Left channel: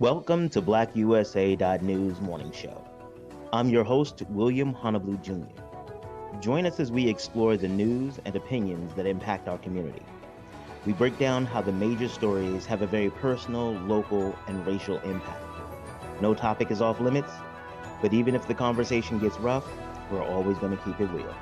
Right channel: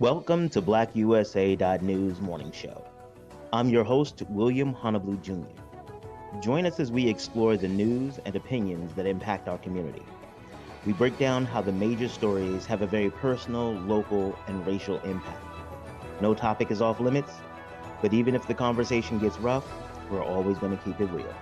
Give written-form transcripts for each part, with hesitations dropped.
Welcome to BlackUSA.news morning show. I'm your host, William Honolulu Jr. Join us as we explore the news and opinions that impact our community. We break down how the major stories have a very personal, local, and racial impact. No topic is off limits, but even if the conversation gets rough, we're always going to keep it real.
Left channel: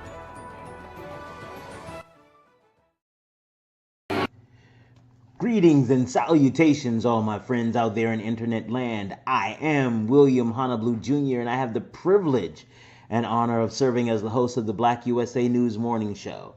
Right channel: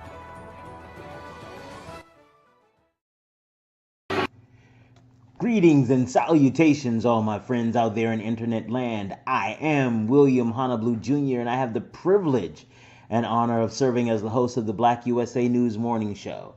Greetings and salutations, all my friends out there in internet land. I am William Honolulu Jr., and I have the privilege and honor of serving as the host of the Black USA News morning show.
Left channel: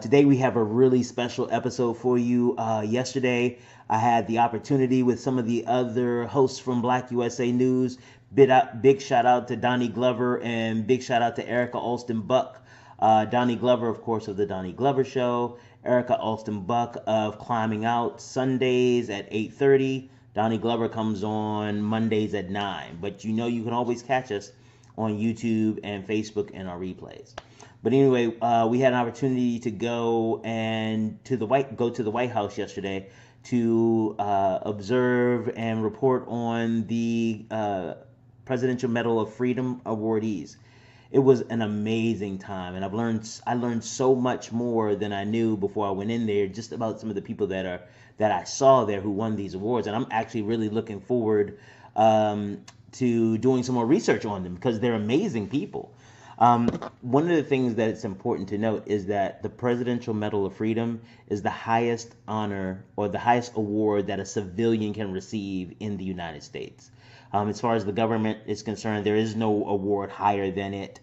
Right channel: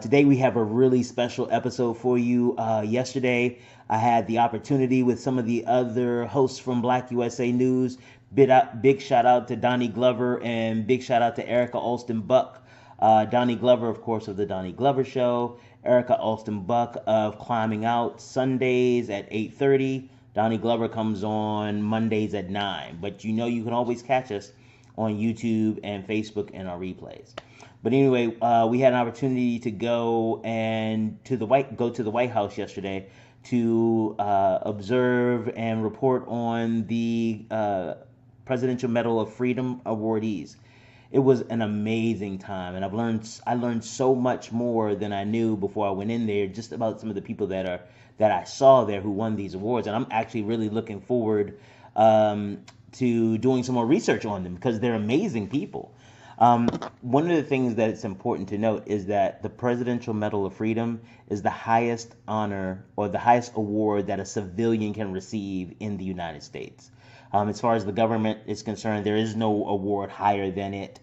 Today we have a really special episode for you. Yesterday I had the opportunity with some of the other hosts from Black USA News. Big shout out to Donnie Glover and big shout out to Erica Alston Buck. Donnie Glover, of course, of the Donnie Glover Show. Erica Alston Buck of Climbing Out Sundays at 8:30. Donnie Glover comes on Mondays at 9. But you know you can always catch us on YouTube and Facebook and our replays. But anyway, we had an opportunity to go to the White House yesterday to observe and report on the Presidential Medal of Freedom awardees. It was an amazing time, and I learned so much more than I knew before I went in there, just about some of the people that I saw there who won these awards. And I'm actually really looking forward to doing some more research on them because they're amazing people. One of the things that it's important to note is that the Presidential Medal of Freedom is the highest honor or the highest award that a civilian can receive in the United States. As far as the government is concerned, there is no award higher than it.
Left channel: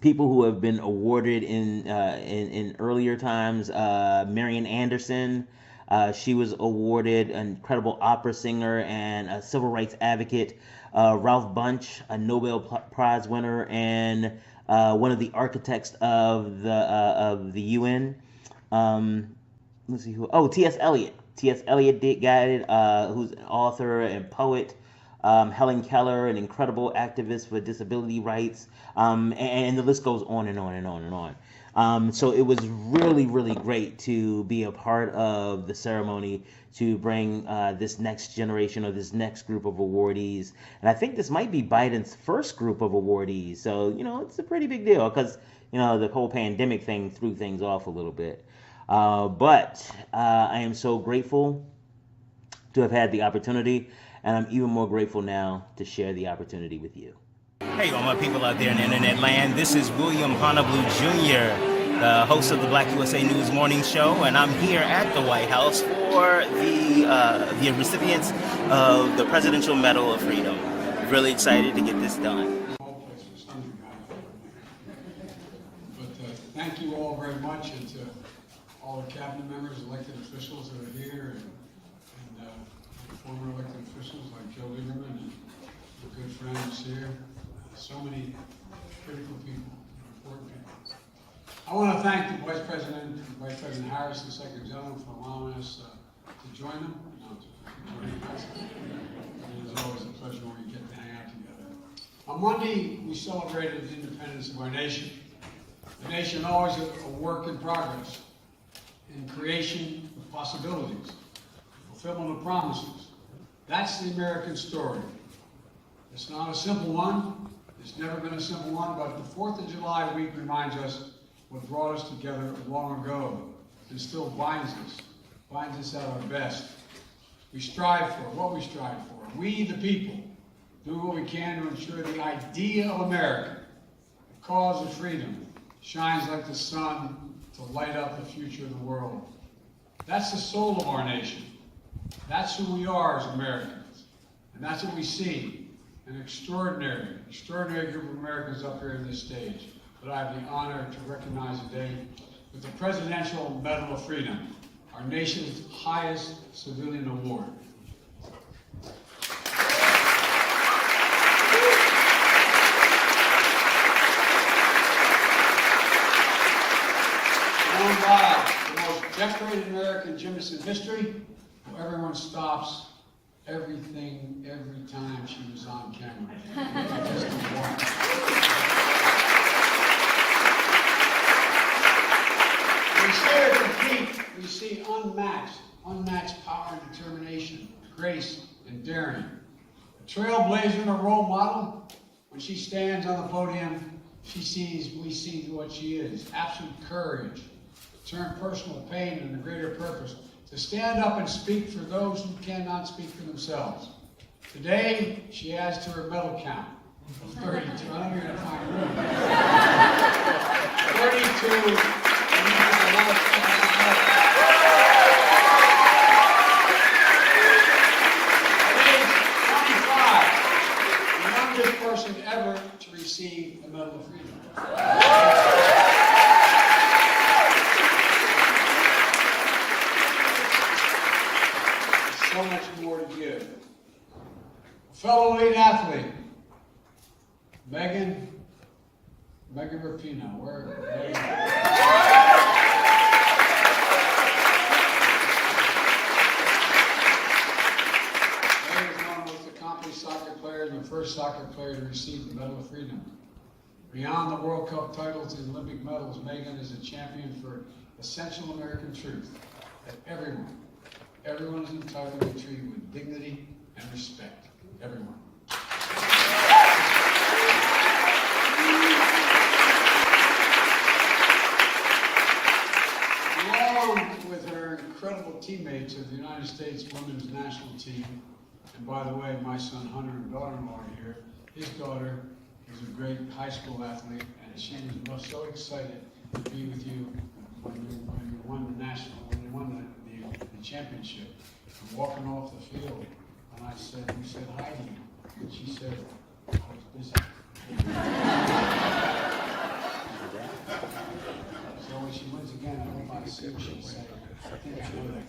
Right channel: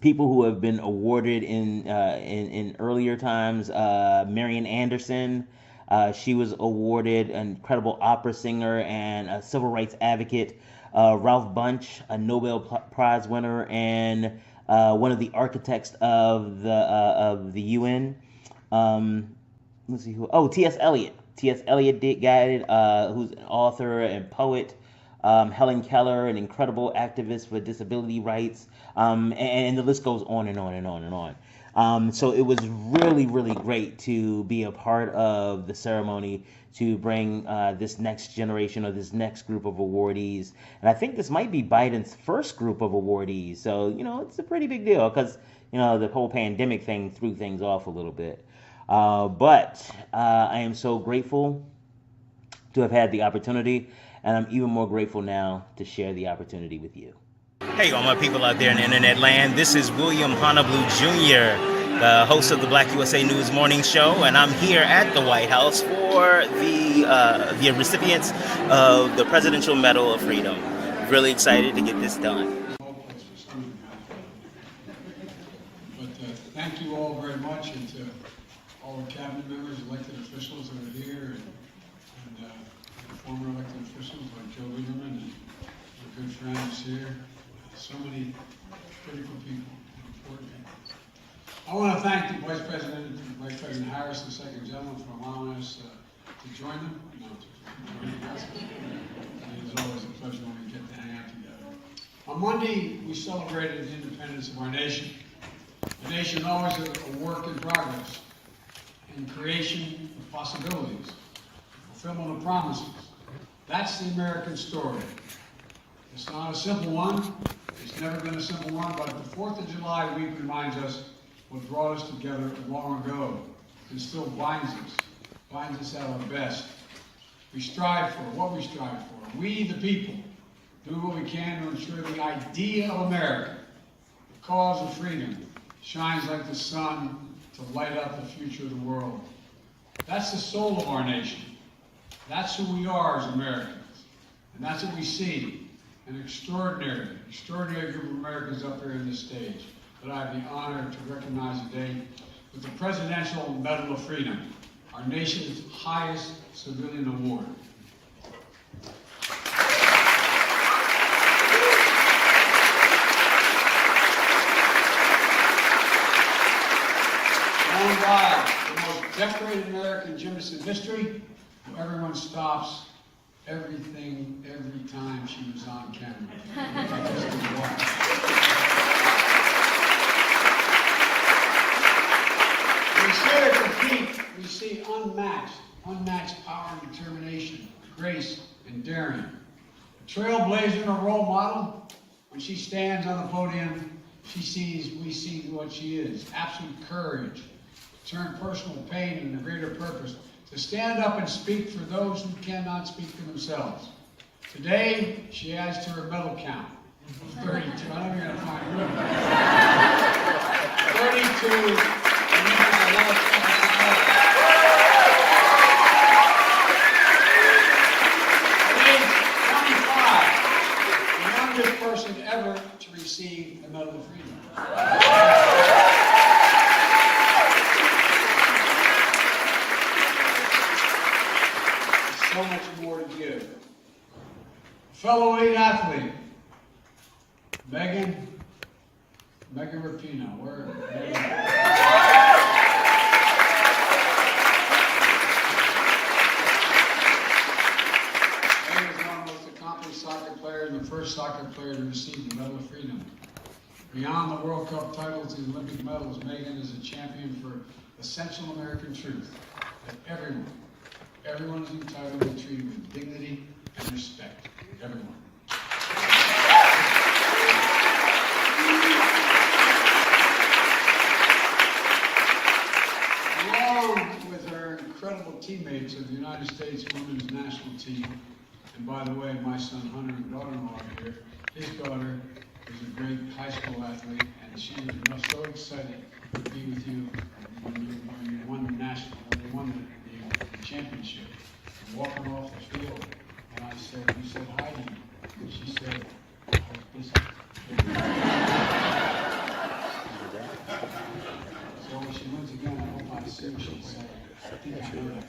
People who have been awarded in earlier times, Marian Anderson, she was awarded an incredible opera singer and a civil rights advocate. Ralph Bunche, a Nobel Prize winner and one of the architects of the UN. Let's see who. Oh, T.S. Eliot. T.S. Eliot got it, who's an author and poet. Helen Keller, an incredible activist for disability rights. And the list goes on and on and on and on. So it was really, really great to be a part of the ceremony to bring this next generation or this next group of awardees. And I think this might be Biden's first group of awardees. So, it's a pretty big deal because, the whole pandemic thing threw things off a little bit. But I am so grateful to have had the opportunity, and I'm even more grateful now to share the opportunity with you. Hey, all my people out there in the internet land. This is William Honolulu Jr., the host of the Black USA News morning show, and I'm here at the White House for the recipients of the Presidential Medal of Freedom. Really excited to get this done. Thank you all very much, and to all the cabinet members, elected officials that are here, and former elected officials like Joe Lieberman and our good friends here. So many critical people, important people. I want to thank the Vice President Harris, the Second Gentleman, for allowing us to join them. Joining us. It is always a pleasure when we get to hang out together. On Monday, we celebrated the independence of our nation. The nation always a work in progress, in creation of possibilities, fulfillment of promises. That's the American story. It's not a simple one. It's never been a simple one, but the 4th of July week reminds us what brought us together long ago and still binds us at our best. We strive for what we strive for. We, the people, do what we can to ensure the idea of America, the cause of freedom, shines like the sun to light up the future of the world. That's the soul of our nation. That's who we are as Americans. And that's what we see. An extraordinary group of Americans up here on this stage that I have the honor to recognize today with the Presidential Medal of Freedom, our nation's highest civilian award. Won by the most decorated American gymnast in history, who everyone stops everything every time she was on camera. We see her compete. We see unmatched power and determination, grace and daring. A trailblazer and a role model. When she stands on the podium, we see what she is. Absolute courage. Turn personal pain into greater purpose. To stand up and speak for those who cannot speak for themselves. Today, she adds to her medal count of 32. I don't know if you're going to find room. 32. And you have a lot of At age 25, the youngest person ever to receive the Medal of Freedom. So much more to give. Fellow elite athlete, Megan Rapinoe. Where? Megan is one of the most accomplished soccer players and the first soccer player to receive the Medal of Freedom. Beyond the World Cup titles and Olympic medals, Megan is a champion for essential American truth that everyone is entitled to be treated with dignity and respect. Everyone. Along with her incredible teammates of the United States Women's National Team, and by the way, my son Hunter and daughter-in-law are here. His daughter is a great high school athlete, and she was so excited to be with you when you won the championship. Walking off the field, and I said, "You said hi to me," and she said, "I was busy." So when she wins again, I hope I see her. She'll say, "I think I know that."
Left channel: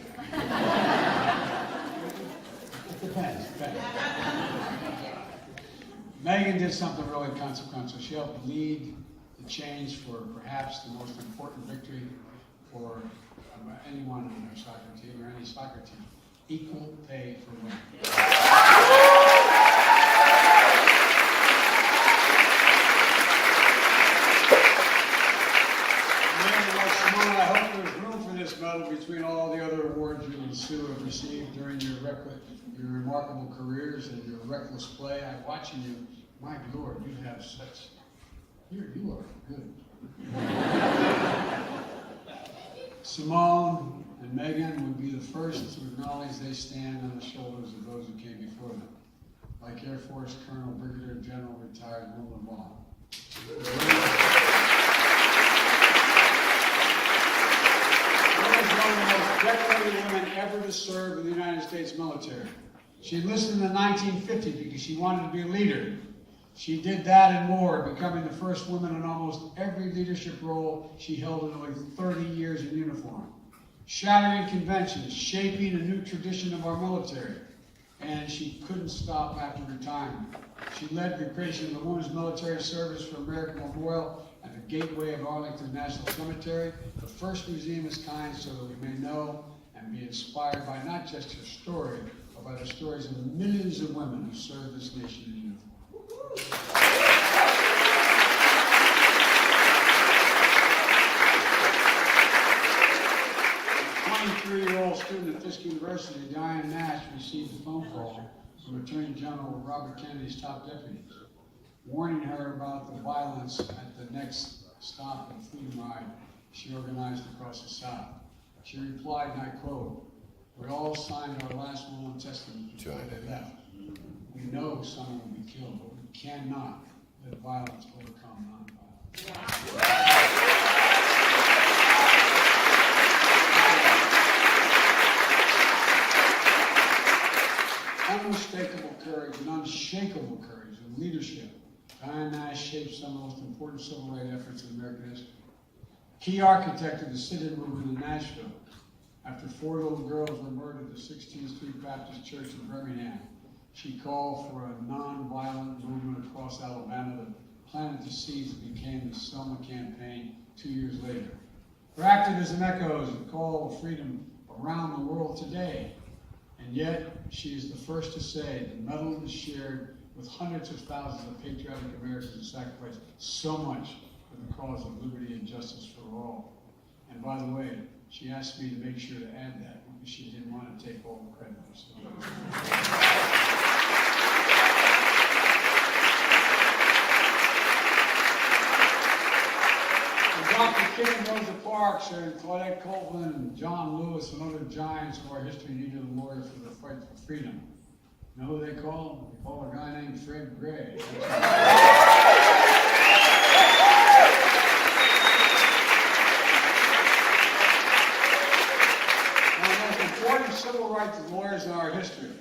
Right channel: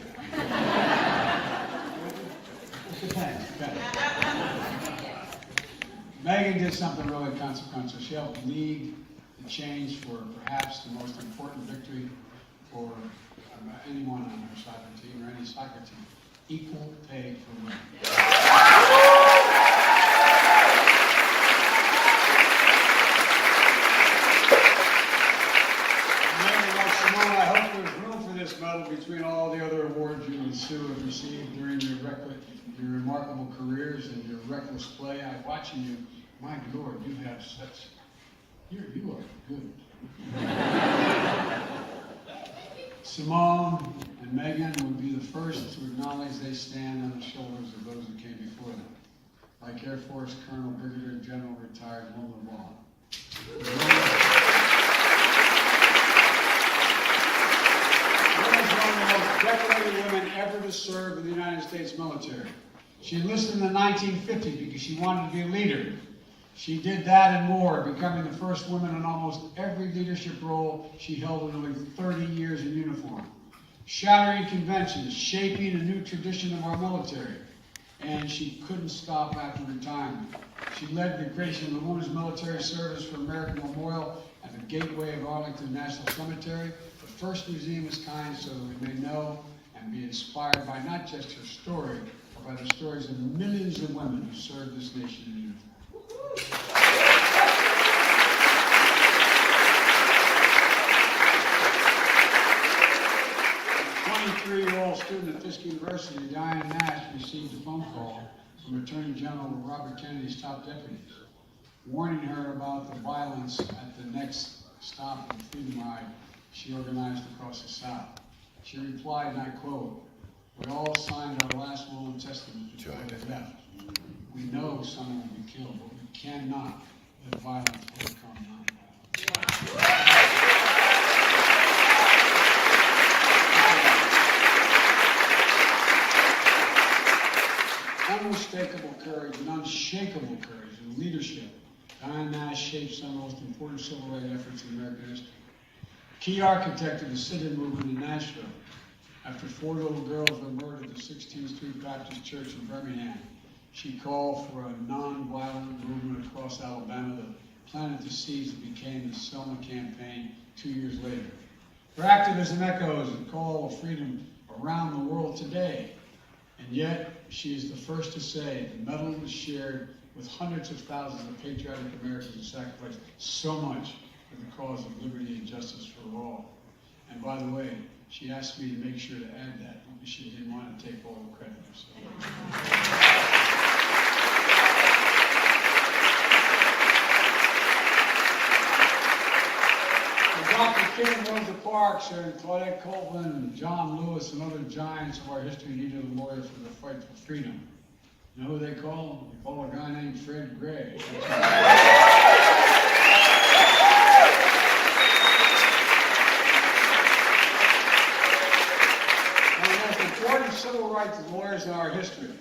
It depends. Megan did something really consequential. She helped lead the change for perhaps the most important victory for anyone on her soccer team or any soccer team. Equal pay for women. Simone, I hope there's room for this medal between all the other awards you and Sue have received during your remarkable careers and your reckless play. I'm watching you. My Lord, you have such. You are good. Simone and Megan would be the first to acknowledge they stand on the shoulders of those who came before them, like Air Force Colonel Brigadier General retired Wilma Vaughn. One of the most decorated women ever to serve in the United States military. She enlisted in the 1950s because she wanted to be a leader. She did that and more, becoming the first woman in almost every leadership role she held in nearly 30 years in uniform. Shattering conventions, shaping a new tradition of our military. And she couldn't stop after retirement. She led the creation of the Women's Military Service for American Memorial and the Gateway of Arlington National Cemetery, the first museum of its kind, so that we may know and be inspired by not just her story, but by the stories of millions of women who served this nation in uniform. 23-year-old student at Fisk University, Diane Nash, received a phone call from Attorney General Robert Kennedy's top deputies, warning her about the violence at the next stop of the Freedom Ride she organized across the South. She replied, and I quote, "We all signed our last will and testament before they left. We know someone will be killed, but we cannot let violence overcome nonviolence." Unmistakable courage and unshakable courage and leadership, Diane Nash shaped some of the most important civil rights efforts in American history. Key architect of the sit-in movement in Nashville. After 4 little girls were murdered at the 16th Street Baptist Church in Birmingham, she called for a non-violent movement across Alabama that planted the seeds that became the Selma Campaign 2 years later. Her activism echoes the call of freedom around the world today. And yet, she is the first to say the medal was shared with hundreds of thousands of patriotic Americans who sacrificed so much for the cause of liberty and justice for all. And by the way, she asked me to make sure to add that because she didn't want to take all the credit. So. King, Rosa Parks, and Claudette Copeland, John Lewis, and other giants of our history needed a lawyer for the fight for freedom. You know who they call? They call a guy named Fred Gray. One of the most important civil rights lawyers in our history.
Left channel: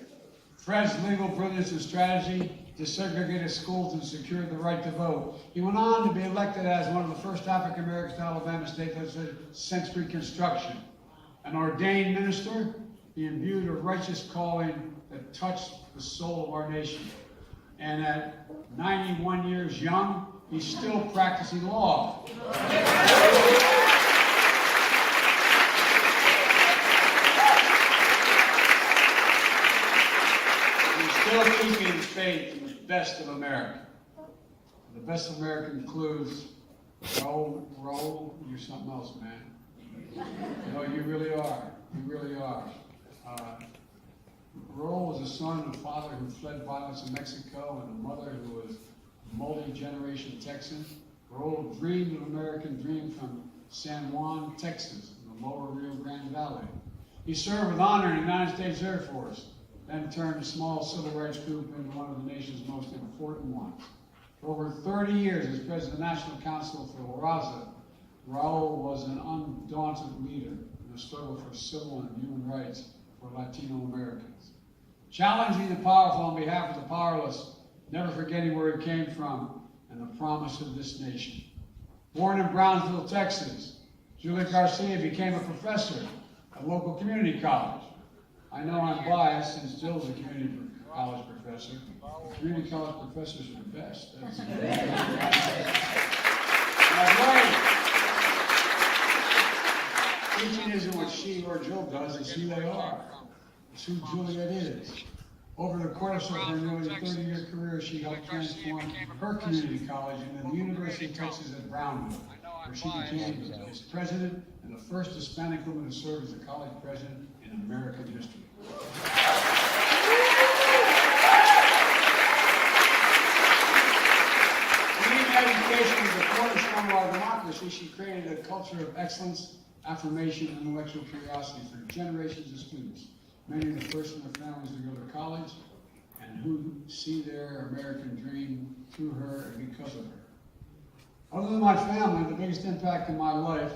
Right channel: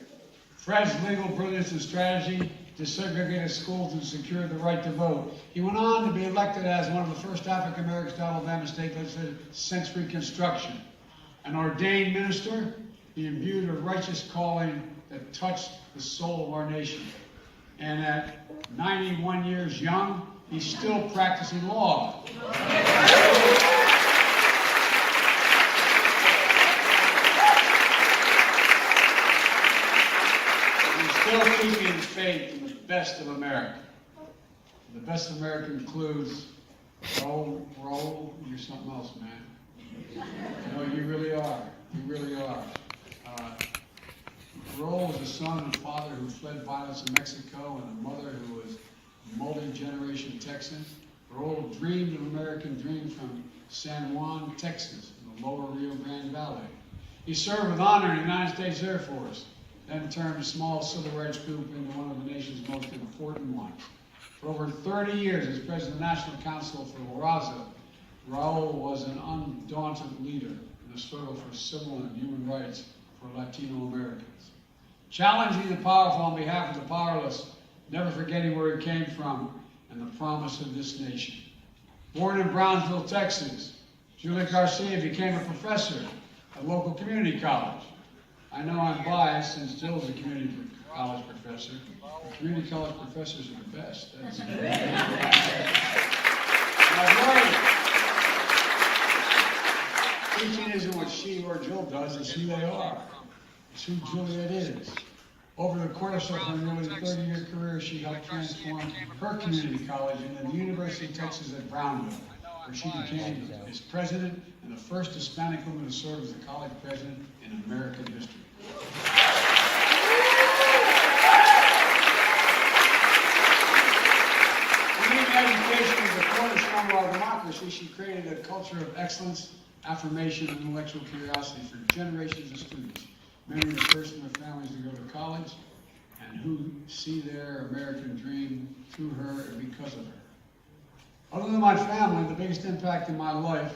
Fred's legal brilliance and strategy desegregated schools and secured the right to vote. He went on to be elected as one of the first African Americans to Alabama state legislature since Reconstruction. An ordained minister, he imbued a righteous calling that touched the soul of our nation. And at 91 years young, he's still practicing law. Still keeping his faith in the best of America. The best of America includes Raul, you're something else, man. No, you really are. You really are. Raul was a son and a father who fled violence in Mexico and a mother who was a multi-generation Texan. Raul dreamed an American dream from San Juan, Texas, in the lower Rio Grande Valley. He served with honor in the United States Air Force, then turned a small civil rights group into one of the nation's most important ones. For over 30 years as president of the National Council for Raza, Raul was an undaunted leader in the struggle for civil and human rights for Latino Americans. Challenging the powerful on behalf of the powerless, never forgetting where he came from and the promise of this nation. Born in Brownsville, Texas, Julie Garcia became a professor at a local community college. I know I'm biased since Jill's a community college professor. The community college professors are the best. Teaching isn't what she or Jill does, it's who they are. It's who Juliet is. Over the course of her nearly 30-year career, she helped transform her community college into the University of Texas at Brownville, where she became its president and the first Hispanic woman to serve as the college president in American history. Community education is the cornerstone of our democracy. She created a culture of excellence, affirmation, and intellectual curiosity for generations of students, many of the first in their families to go to college, and who see their American dream through her and because of her. Other than my family, the biggest impact in my life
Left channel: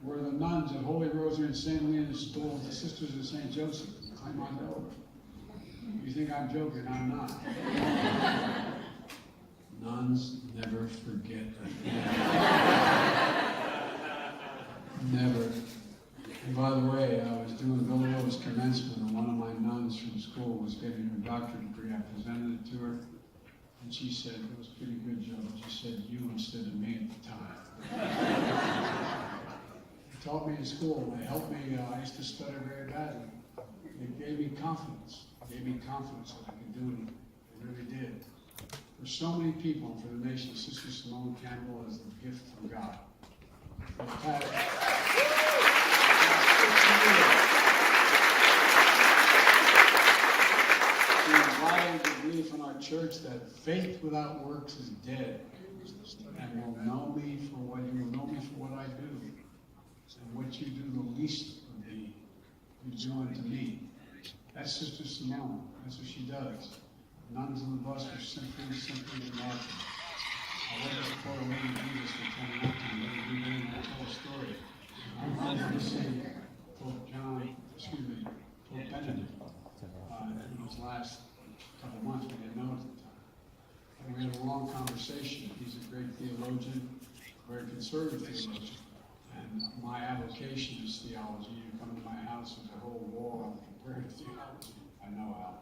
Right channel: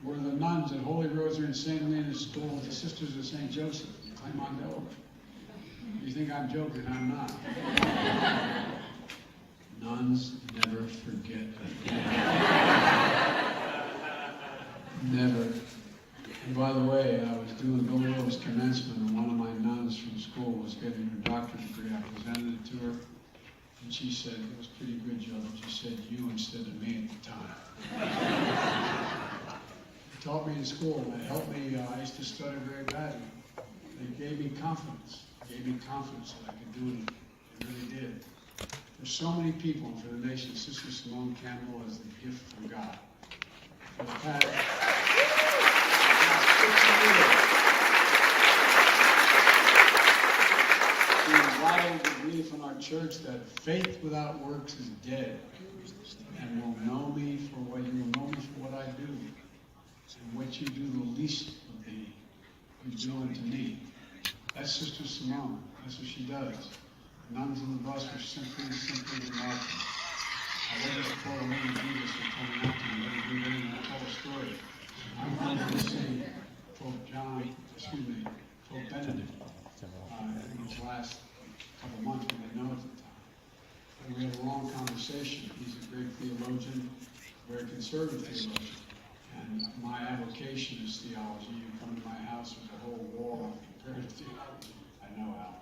were the nuns at Holy Rosary and St. Lena's School, the Sisters of St. Joseph in Claymont, Delaware. You think I'm joking? I'm not. Nuns never forget that. Never. And by the way, I was doing Bill Lewis commencement, and one of my nuns from school was getting her doctorate degree. I presented it to her, and she said, it was pretty good, Joe. She said, you instead of me at the time. They taught me in school, and they helped me. I used to stutter very badly. They gave me confidence. They gave me confidence that I could do it. They really did. For so many people, and for the nation, Sister Simone Campbell is a gift from God. For the past 60 years, she invited the belief in our church that faith without works is dead, and will know me for what you will know me for what I do, and what you do the least of me, you do unto me. That's Sister Simone. That's what she does. Nuns on the bus were simply remarkable. I never support a lady Jesus for coming up to me. Let me do and tell a story. I'm honored to see Pope Benedict. In his last couple months, we didn't know at the time. And we had a long conversation. He's a great theologian, very conservative theologian. And my avocation is theology. You come to my house with a whole wall of comparative theology. I know how.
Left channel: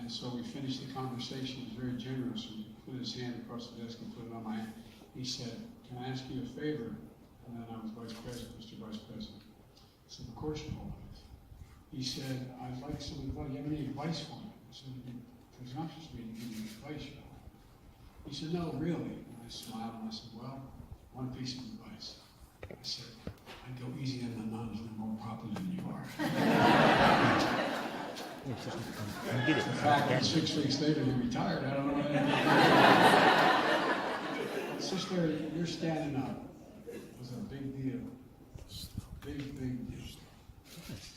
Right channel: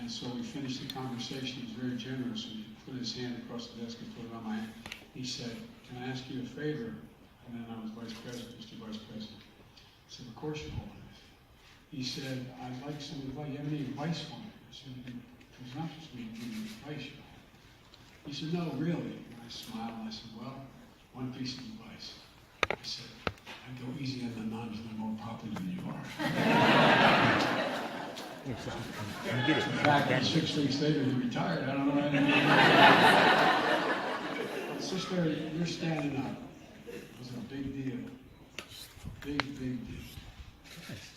And so we finished the conversation. He was very generous. He put his hand across the desk and put it on my hand. He said, can I ask you a favor? And then I was Vice President, Mr. Vice President. I said, of course, Your Holiness. He said, I'd like some advice. You have any advice for me? I said, it's not just me to give you advice, Your Holiness. He said, no, really. And I smiled and I said, well, one piece of advice. I said, I'd go easy on the nuns. They're more popular than you are. You get it. In fact, 6 weeks later, he retired. I don't know. So Sister, you're standing up. It was a big deal. Big, big deal.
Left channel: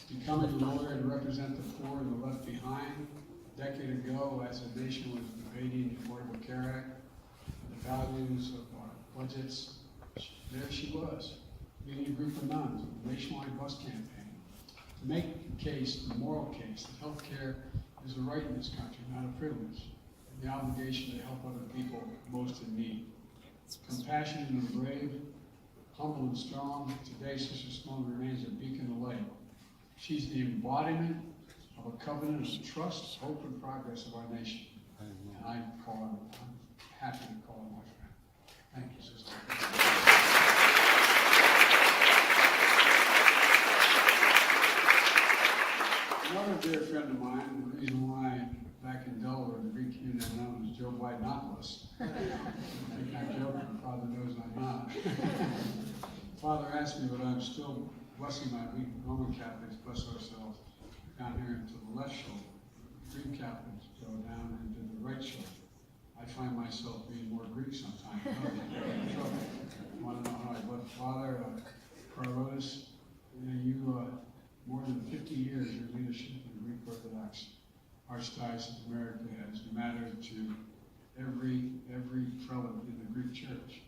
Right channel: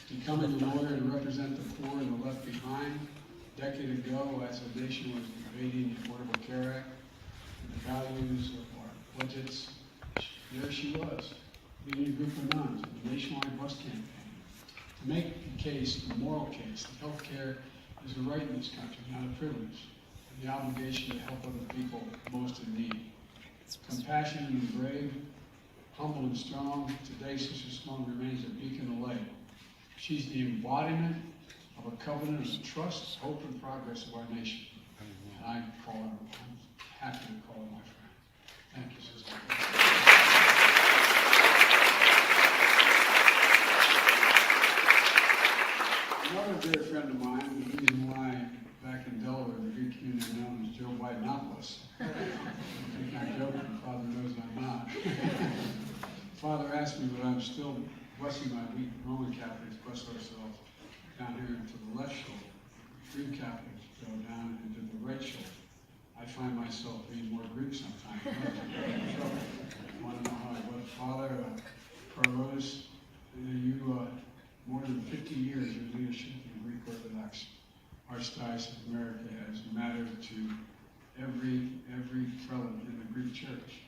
Becoming a lawyer to represent the poor and the left behind. A decade ago, as a nation was debating the Affordable Care Act and the values of our budgets, there she was, leading a group of nuns in a nationwide bus campaign to make the case, the moral case, that health care is a right in this country, not a privilege, and the obligation to help other people most in need. Compassionate and brave, humble and strong, today Sister Sloan remains a beacon of light. She's the embodiment of a covenant of trust, hope, and progress of our nation. And I'm happy to call her my friend. Thank you, Sister. Another dear friend of mine, the reason why back in Delaware, the Greek community are known as Joe Bidenopoulos. I'm not joking, Father knows I'm not. Father asked me, but I'm still blessing my weak Roman Catholics, bless ourselves, down here into the left shoulder. Greek Catholics go down into the right shoulder. I find myself being more Greek sometimes. I want to know how I went. Father, Carlos, you more than 50 years, your leadership in the Greek Orthodox Archdiocese of America has mattered to every prelate in the Greek Church.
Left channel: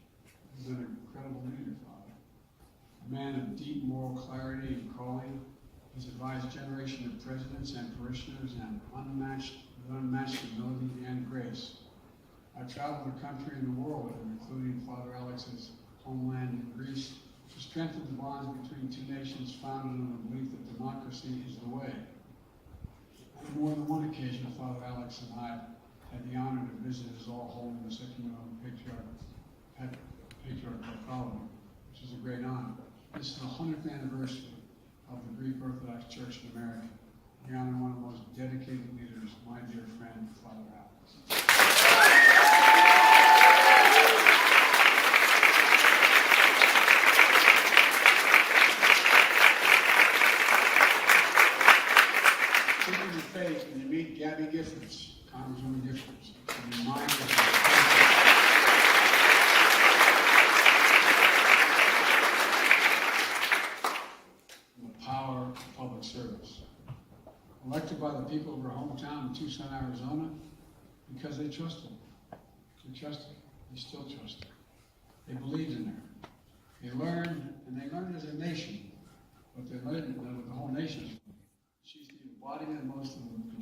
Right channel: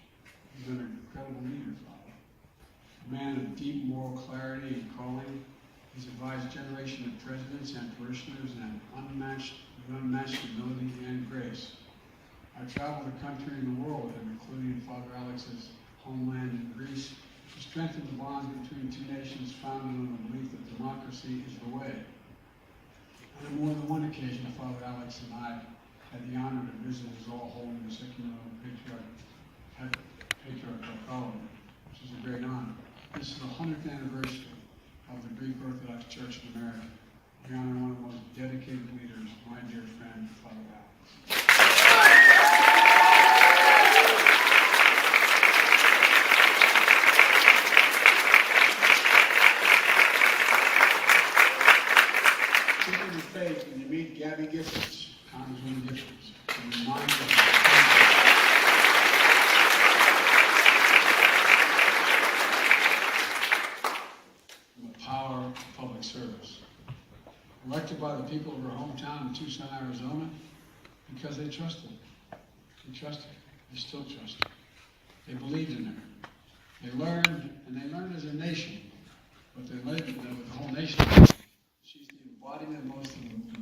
You've been an incredible leader, Father. A man of deep moral clarity and calling. He's advised a generation of presidents and parishioners and unmatched humility and grace. I've traveled the country and the world with him, including Father Alex's homeland in Greece, to strengthen the bonds between two nations founded on the belief that democracy is the way. On more than one occasion, Father Alex and I had the honor to visit his all-holiness Ecumenical Patriarch Bartholomew, which is a great honor. This is the 100th anniversary of the Greek Orthodox Church in America. We honor one of the most dedicated leaders, my dear friend, Father Alex. Speaking of faith, when you meet Gabby Giffords, Congresswoman Giffords, and remind us of the power of public service. Elected by the people of her hometown in Tucson, Arizona, because they trusted her. They trusted her. They still trust her. They believed in her. They learned as a nation, but they learned with the whole nation. She's the embodiment of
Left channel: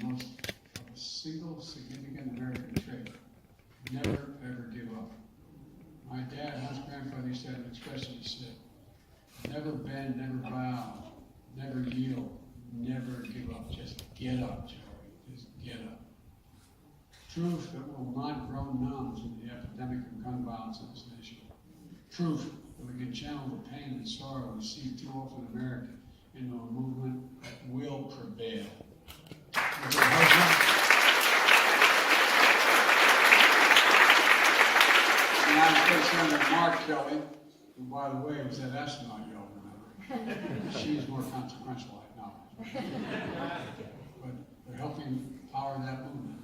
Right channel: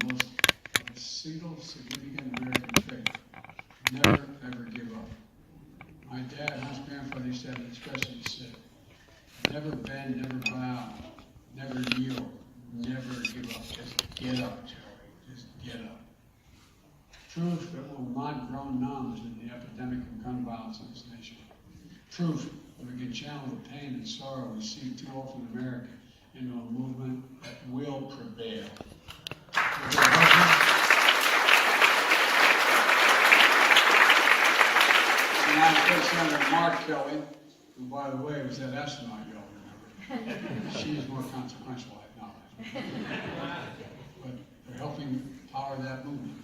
of a single significant American trait. Never, ever give up. My dad, house grandfather, used to have an expression. He said, never bend, never bow, never yield, never give up. Just get up, Joey. Just get up. Proof that will not grow numb in the epidemic of gun violence in this nation. Proof that we can channel the pain and sorrow we see too often in America into a movement that will prevail. United States Senator Mark Kelly, who, by the way, was that astronaut you all remember. She is more consequential, I acknowledge. But they're helping power that movement.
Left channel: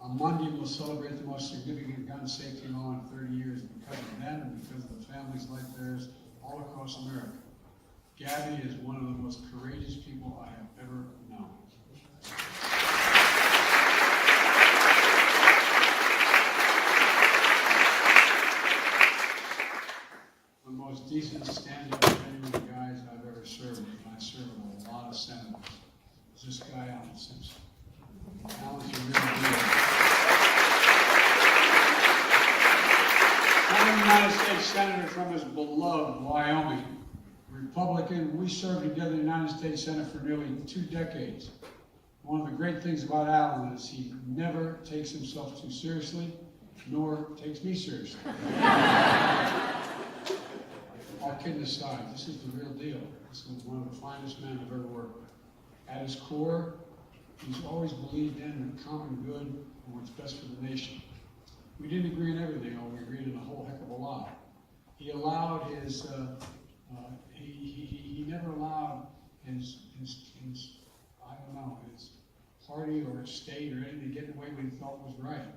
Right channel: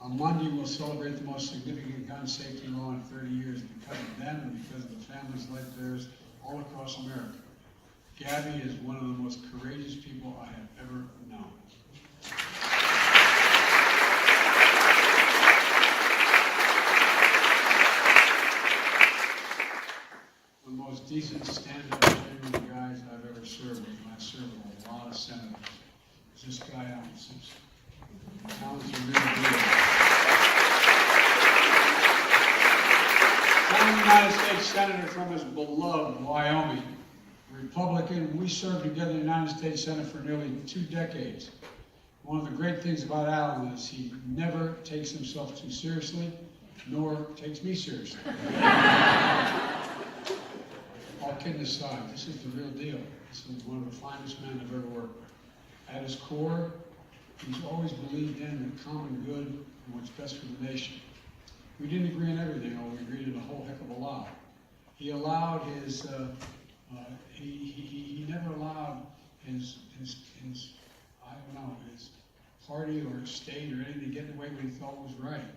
On Monday, we'll celebrate the most significant gun safety law in 30 years because of them and because of the families like theirs all across America. Gabby is one of the most courageous people I have ever known. One of the most decent, stand-up, genuine guys I've ever served with, and I've served with a lot of senators, is this guy, Alan Simpson. Alan's a real deal. Former United States Senator from his beloved Wyoming. Republican, we served together in the United States Senate for nearly 2 decades. One of the great things about Alan is he never takes himself too seriously, nor takes me seriously. All kidding aside, this is the real deal. This is one of the finest men I've ever worked with. At his core, he's always believed in the common good and what's best for the nation. We didn't agree on everything, or we agreed on a whole heck of a lot. He allowed his he never allowed his I don't know, his party or his state or anything to get in the way what he thought was right.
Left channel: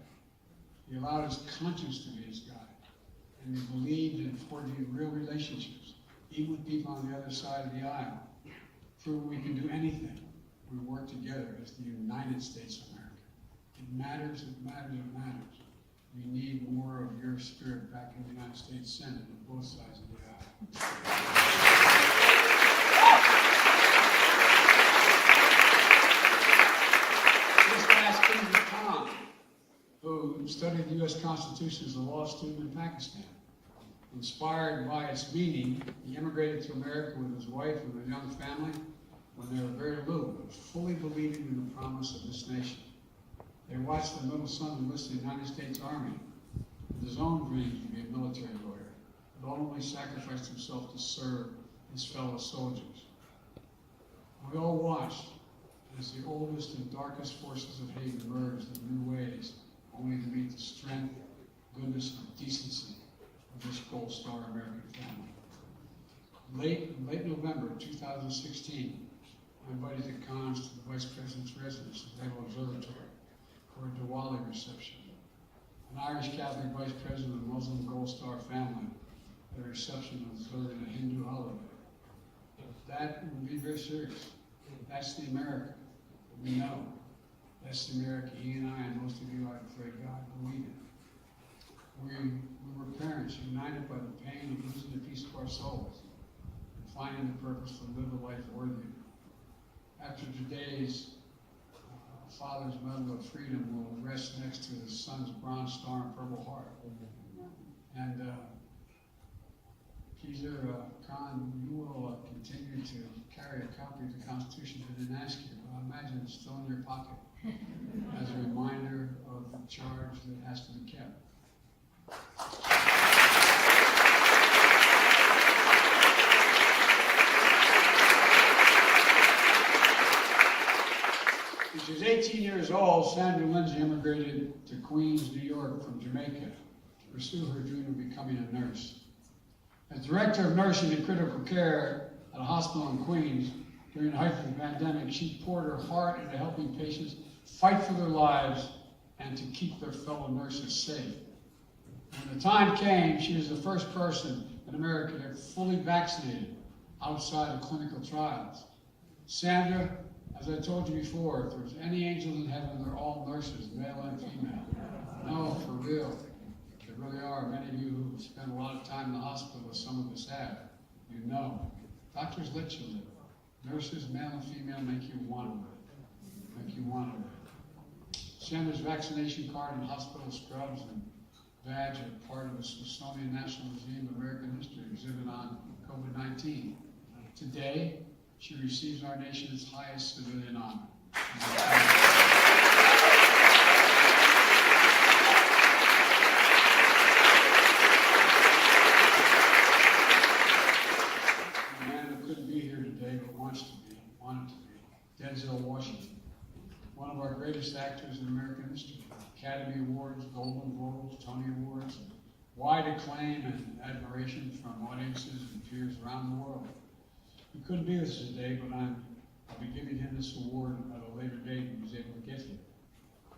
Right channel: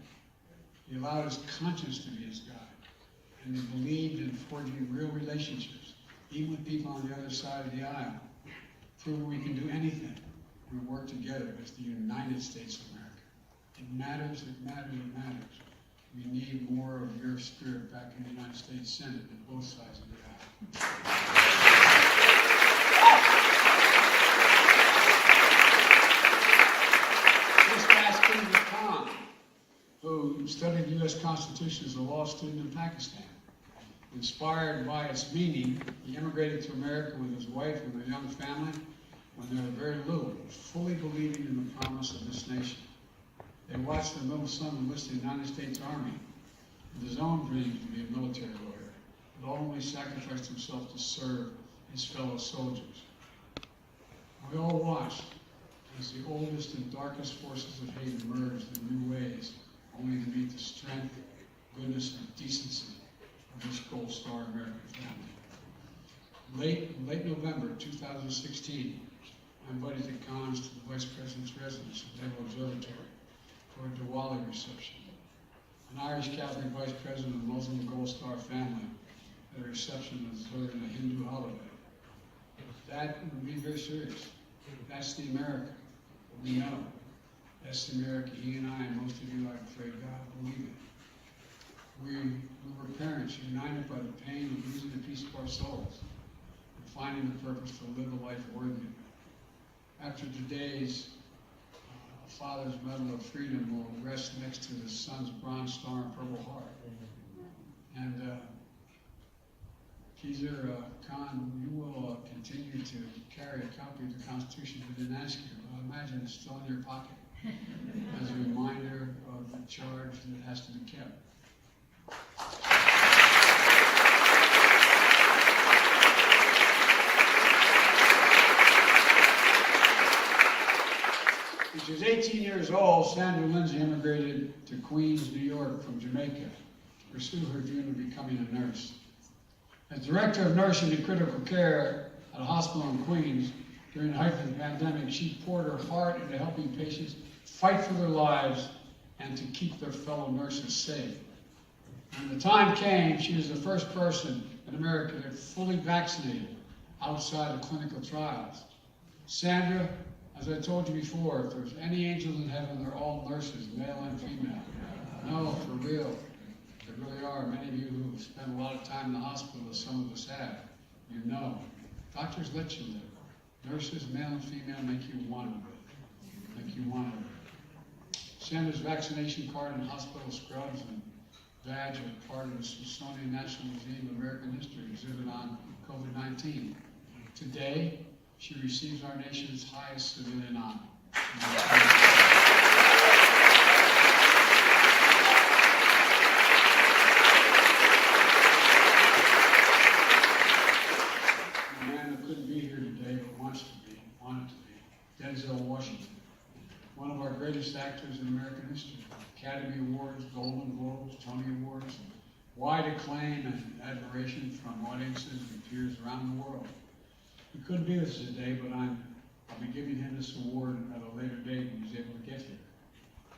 He allowed his conscience to be his guide. and they believed in forging real relationships, even with people on the other side of the aisle. Prove we can do anything. We work together as the United States of America. It matters, it matters, it matters. We need more of your spirit back in the United States Senate and both sides of the aisle. This past Kingdom Khan, who studied the U.S. Constitution as a law student in Pakistan. Inspired by its meaning, he immigrated to America with his wife and a young family when they were very little, fully believing in the promise of this nation. They watched their middle son enlist in the United States Army with his own dream to be a military lawyer, but ultimately sacrificed himself to serve his fellow soldiers. We all watched as the oldest and darkest forces of hate emerged in new ways, only to meet the strength, goodness, and decency of this Gold Star American family. Late November 2016, I invited the Khans to the Vice President's residence at Naval Observatory for a Diwali reception. An Irish Catholic Vice President of the Muslim Gold Star family at a reception observing a Hindu holiday. That would be very serious. That's the America we know. That's the America he and I and most of you, I pray God, believe in. We were parents united by the pain of losing a piece of our souls and finding the purpose to live a life worthy of it. After today's Father's Medal of Freedom will rest next to his son's Bronze Star and Purple Heart. And Keezer Khan, you will continue to carry a copy of the Constitution. I didn't ask you, but I imagine it's still in your pocket as a reminder of the charge that has to be kept. When she was 18 years old, Sandra Lindsay immigrated to Queens, New York from Jamaica to pursue her dream of becoming a nurse. As director of nursing and critical care at a hospital in Queens during the height of the pandemic, she poured her heart into helping patients fight for their lives and to keep their fellow nurses safe. When the time came, she was the first person in America that fully vaccinated outside of clinical trials. Sandra, as I told you before, if there's any angels in heaven, they're all nurses, male and female. No, for real. There really are. Many of you who have spent a lot of time in the hospital, as some of us have, you know. Doctors let you live. Nurses, male and female, make you want to live. Make you want to live. Sandra's vaccination card and hospital scrubs and badge are part of the Smithsonian National Museum of American History exhibit on COVID-19. Today, she receives our nation's highest civilian honor. A man who couldn't be here today but wants to be, wanted to be, Denzel Washington, one of our greatest actors in American history. Academy Awards, Golden Globes, Tony Awards, wide acclaim and admiration from audiences and peers around the world. He couldn't be with us today, but I'll be giving him this award at a later date when he's able to get here.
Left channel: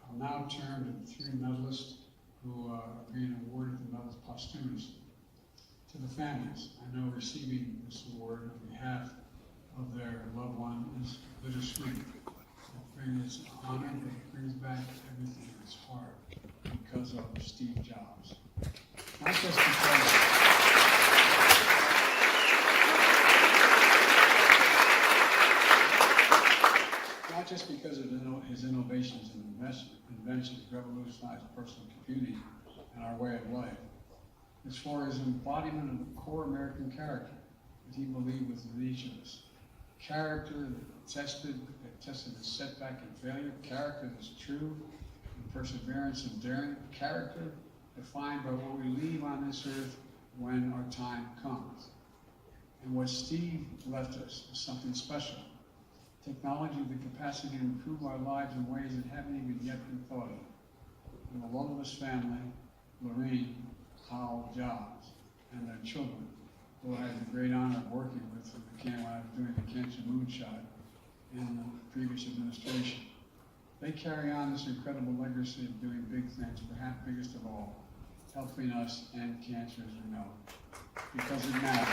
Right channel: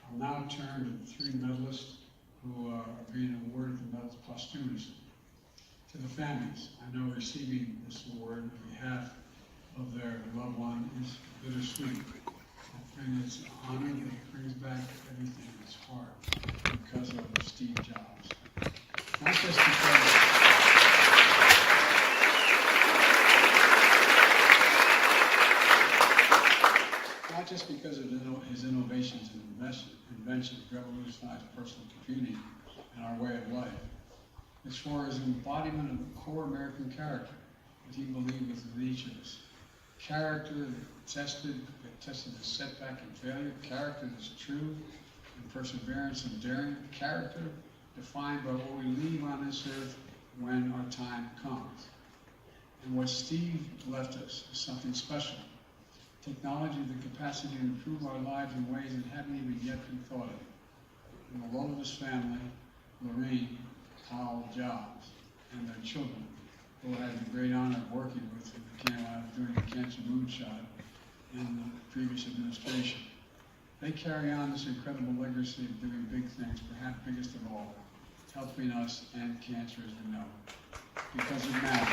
I'll now turn to the three medalists who are being awarded the medals posthumously. To the families, I know receiving this award on behalf of their loved one is bittersweet. It's an honor, but it brings back everything that's hard because of Steve Jobs. Not just because of his innovations and inventions revolutionized personal computing and our way of life. It's for his embodiment of the core American character that he believed was in each of us. Character that tested the setback and failure, character that's true, and perseverance and daring, character defined by what we leave on this earth when our time comes. And what Steve left us is something special. Technology, the capacity to improve our lives in ways that haven't even yet been thought of. And the love of his family, Lorraine, Howell, Jobs, and their children, who I had the great honor of working with when I was doing the cancer moonshot in the previous administration. They carry on this incredible legacy of doing big things, perhaps biggest of all, helping us end cancer as we know it. Because it matters.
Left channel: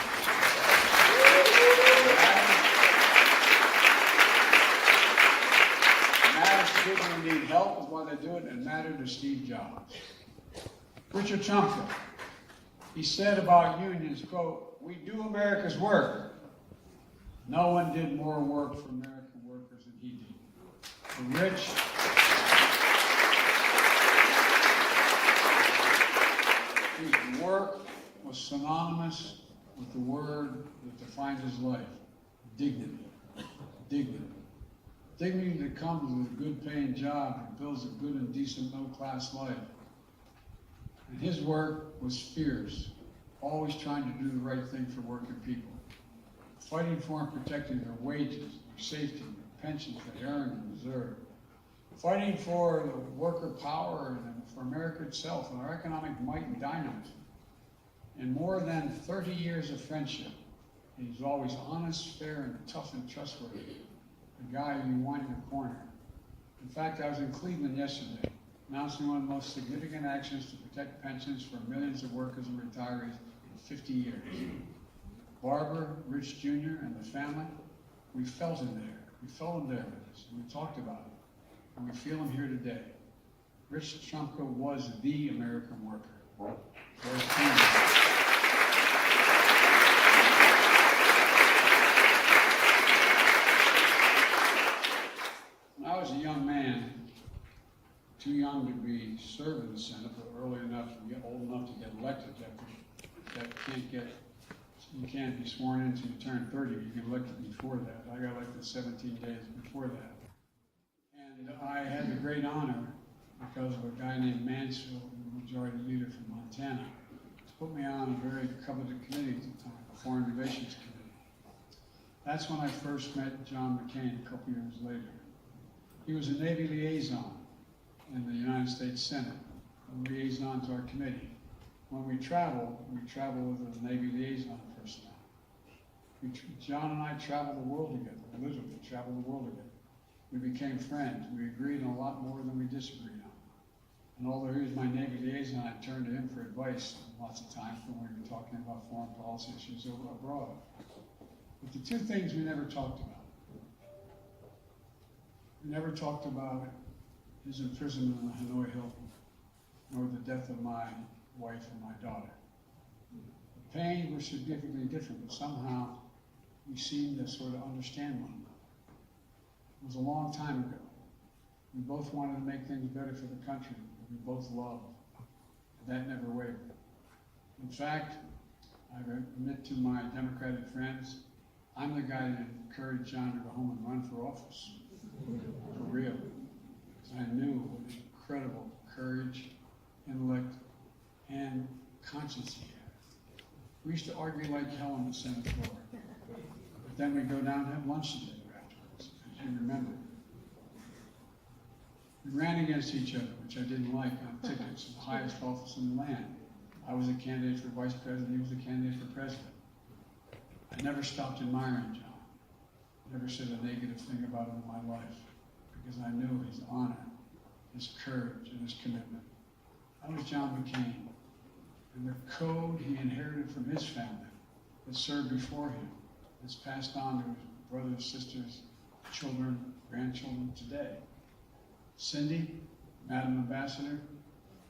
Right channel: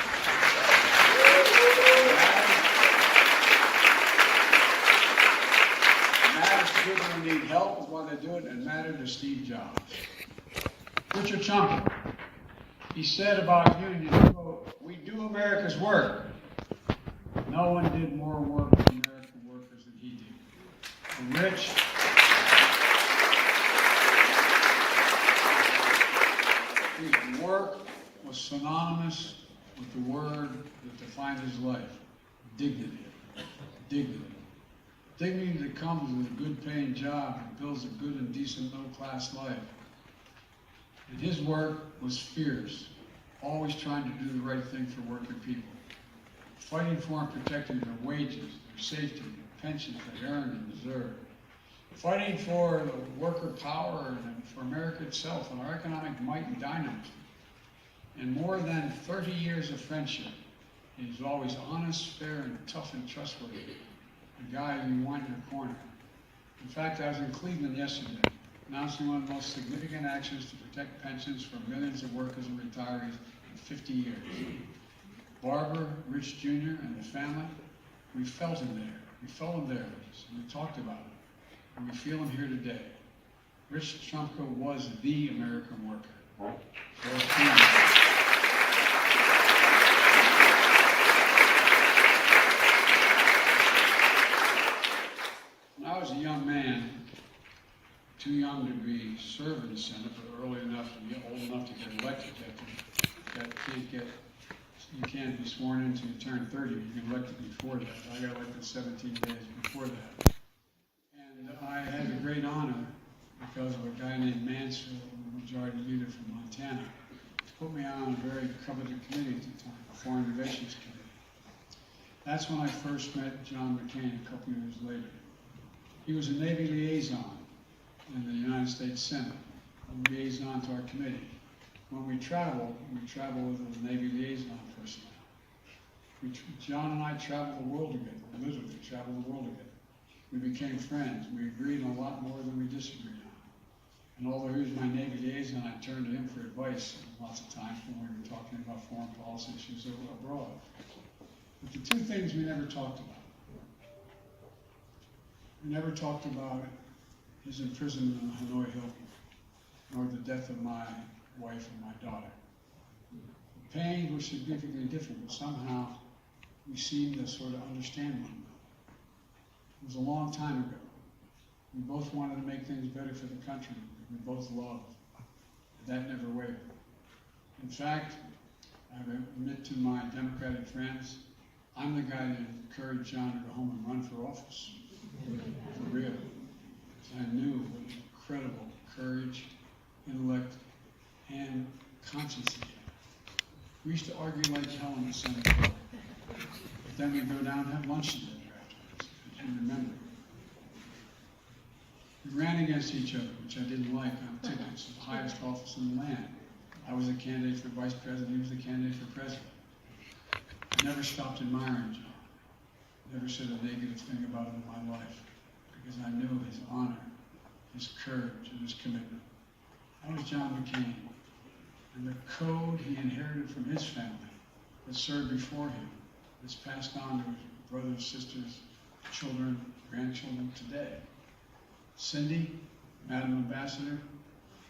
It matters to people who need help is why they do it, and it mattered to Steve Jobs. Richard Trumka, he said about unions, quote, "We do America's work. No one did more work for American workers than he did." For Rich, his work was synonymous with the word that defined his life: dignity. Dignity. Dignity that comes with a good paying job and builds a good and decent middle class life. And his work was fierce, always trying to do the right thing for working people, fighting for and protecting their wages, their safety, their pensions they earn and deserve, fighting for the worker power and for America itself and our economic might and dynamism. In more than 30 years of friendship, he's always honest, fair, and tough and trustworthy. A guy you want in your corner. In fact, I was in Cleveland yesterday, announcing one of the most significant actions to protect pensions for millions of workers and retirees in 50 years. Barbara, Rich Jr., and the family, we felt him there. We felt him there with us, and we talked about it. And we feel him here today. Rich Trumka was the American worker. When I was a young man, too young to be serving the Senate, but early enough to get old enough to get elected, you can't be sworn in until you turn 30. You get elected before that. I got elected 17 days before that. And I had the great honor, because of a guy named Mansfield, the majority leader from Montana, to put me on a very coveted committee at the time, a Foreign Relations Committee. That's when I first met John McCain a couple years later. He was a Navy liaison in the United States Senate, a liaison to our committee. When we traveled with a Navy liaison personnel. John and I traveled the world together, literally traveled the world together. We became friends. We agreed on a lot more than we disagreed on. And although he was my Navy liaison, I turned to him for advice lots of times when we were talking about foreign policy issues abroad. But the two things we never talked about. We never talked about his imprisonment in Hanoi Hilton, nor the death of my wife and my daughter. The pains were significantly different, but somehow we seemed to sort of understand one another. It was a long time ago. We both wanted to make things better for the country that we both loved. That never wavered. In fact, I admit to my Democratic friends, I'm the guy that encouraged John to go home and run for office. For real. Because I knew what incredible courage, intellect, and conscience he had. We used to argue like hell in the Senate floor. But then we'd go down and have lunch together afterwards, as you remember. We ran against each other, which I didn't like, on tickets of the highest office in the land. I was a candidate for vice president, he was a candidate for president. I never stopped admiring John. Never said a negative thing about him in my life, because I knew his honor, his courage, and his commitment. That was John McCain. And the code he inherited from his family that served before him is passed on to his brothers, sisters, children, grandchildren today. Cindy, Madam Ambassador,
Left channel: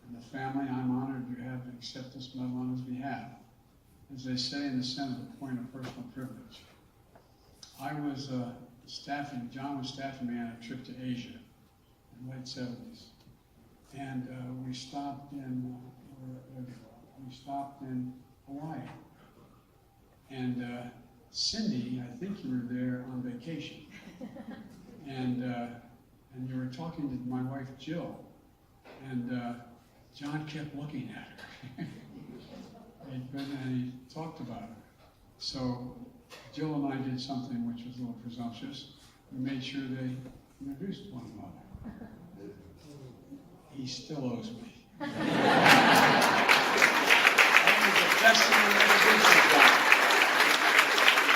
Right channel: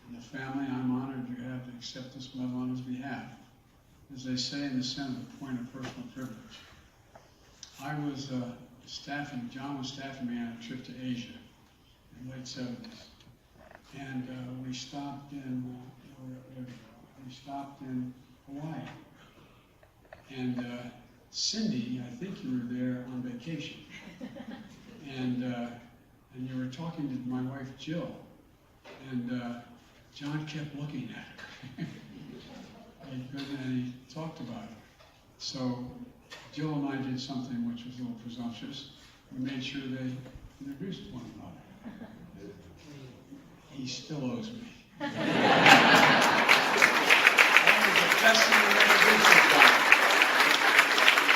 and the family, I'm honored you have to accept this medal on his behalf. As they say in the Senate, a point of personal privilege. I was John was staffing me on a trip to Asia in the late 70s. And we stopped in, Hawaii. And Cindy, I think you were there on vacation. And you were talking to my wife, Jill. And John kept looking at her. and he talked about her. So Jill and I did something which was a little presumptuous. We made sure they introduced one another. He still owes me. That was the best thing we ever did for John.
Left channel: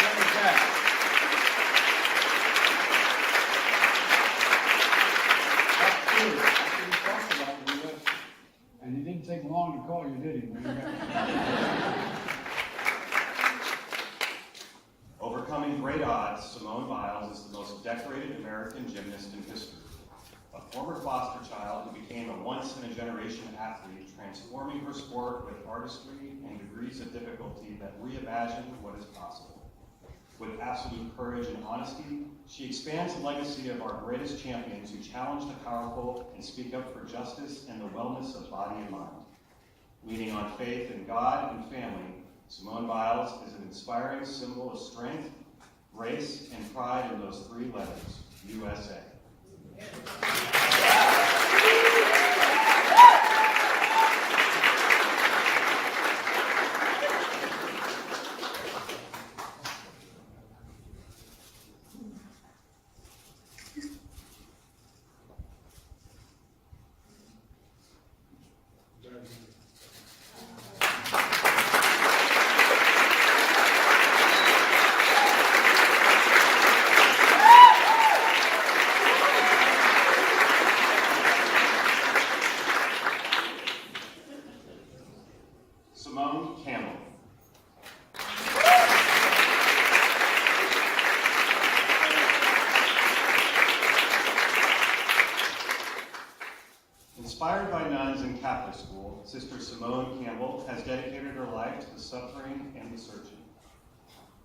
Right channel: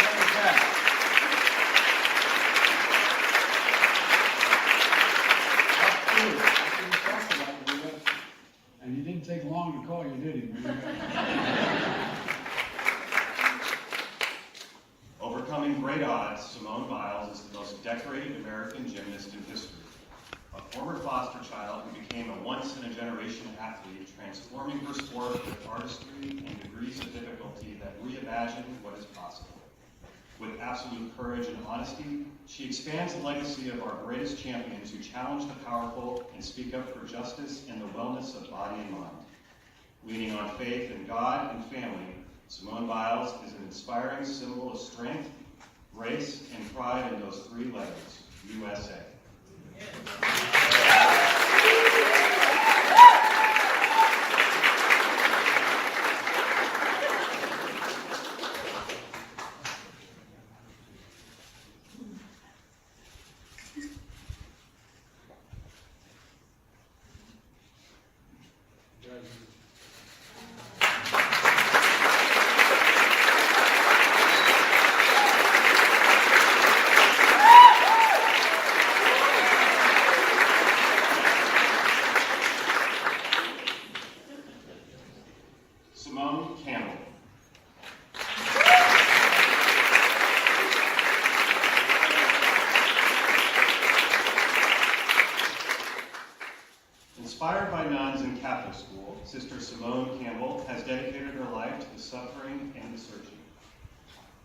Never back. After we talked about it, we left, and he didn't take long to call. you, did he? Man? Overcoming great odds, Simone Biles is the most decorated American gymnast in history. A former foster child who became a once-in-a-generation athlete, transforming her sport with artistry and degrees of difficulty that reimagine what is possible. With absolute courage and honesty, she expands the legacy of our greatest champions who challenge the powerful and speak up for justice and the wellness of body and mind. Leaning on faith in God and family, Simone Biles is an inspiring symbol of strength, grace, and pride in those three letters, USA. Simone Campbell. Inspired by nuns in Catholic school, Sister Simone Campbell has dedicated her life to the suffering and the searching.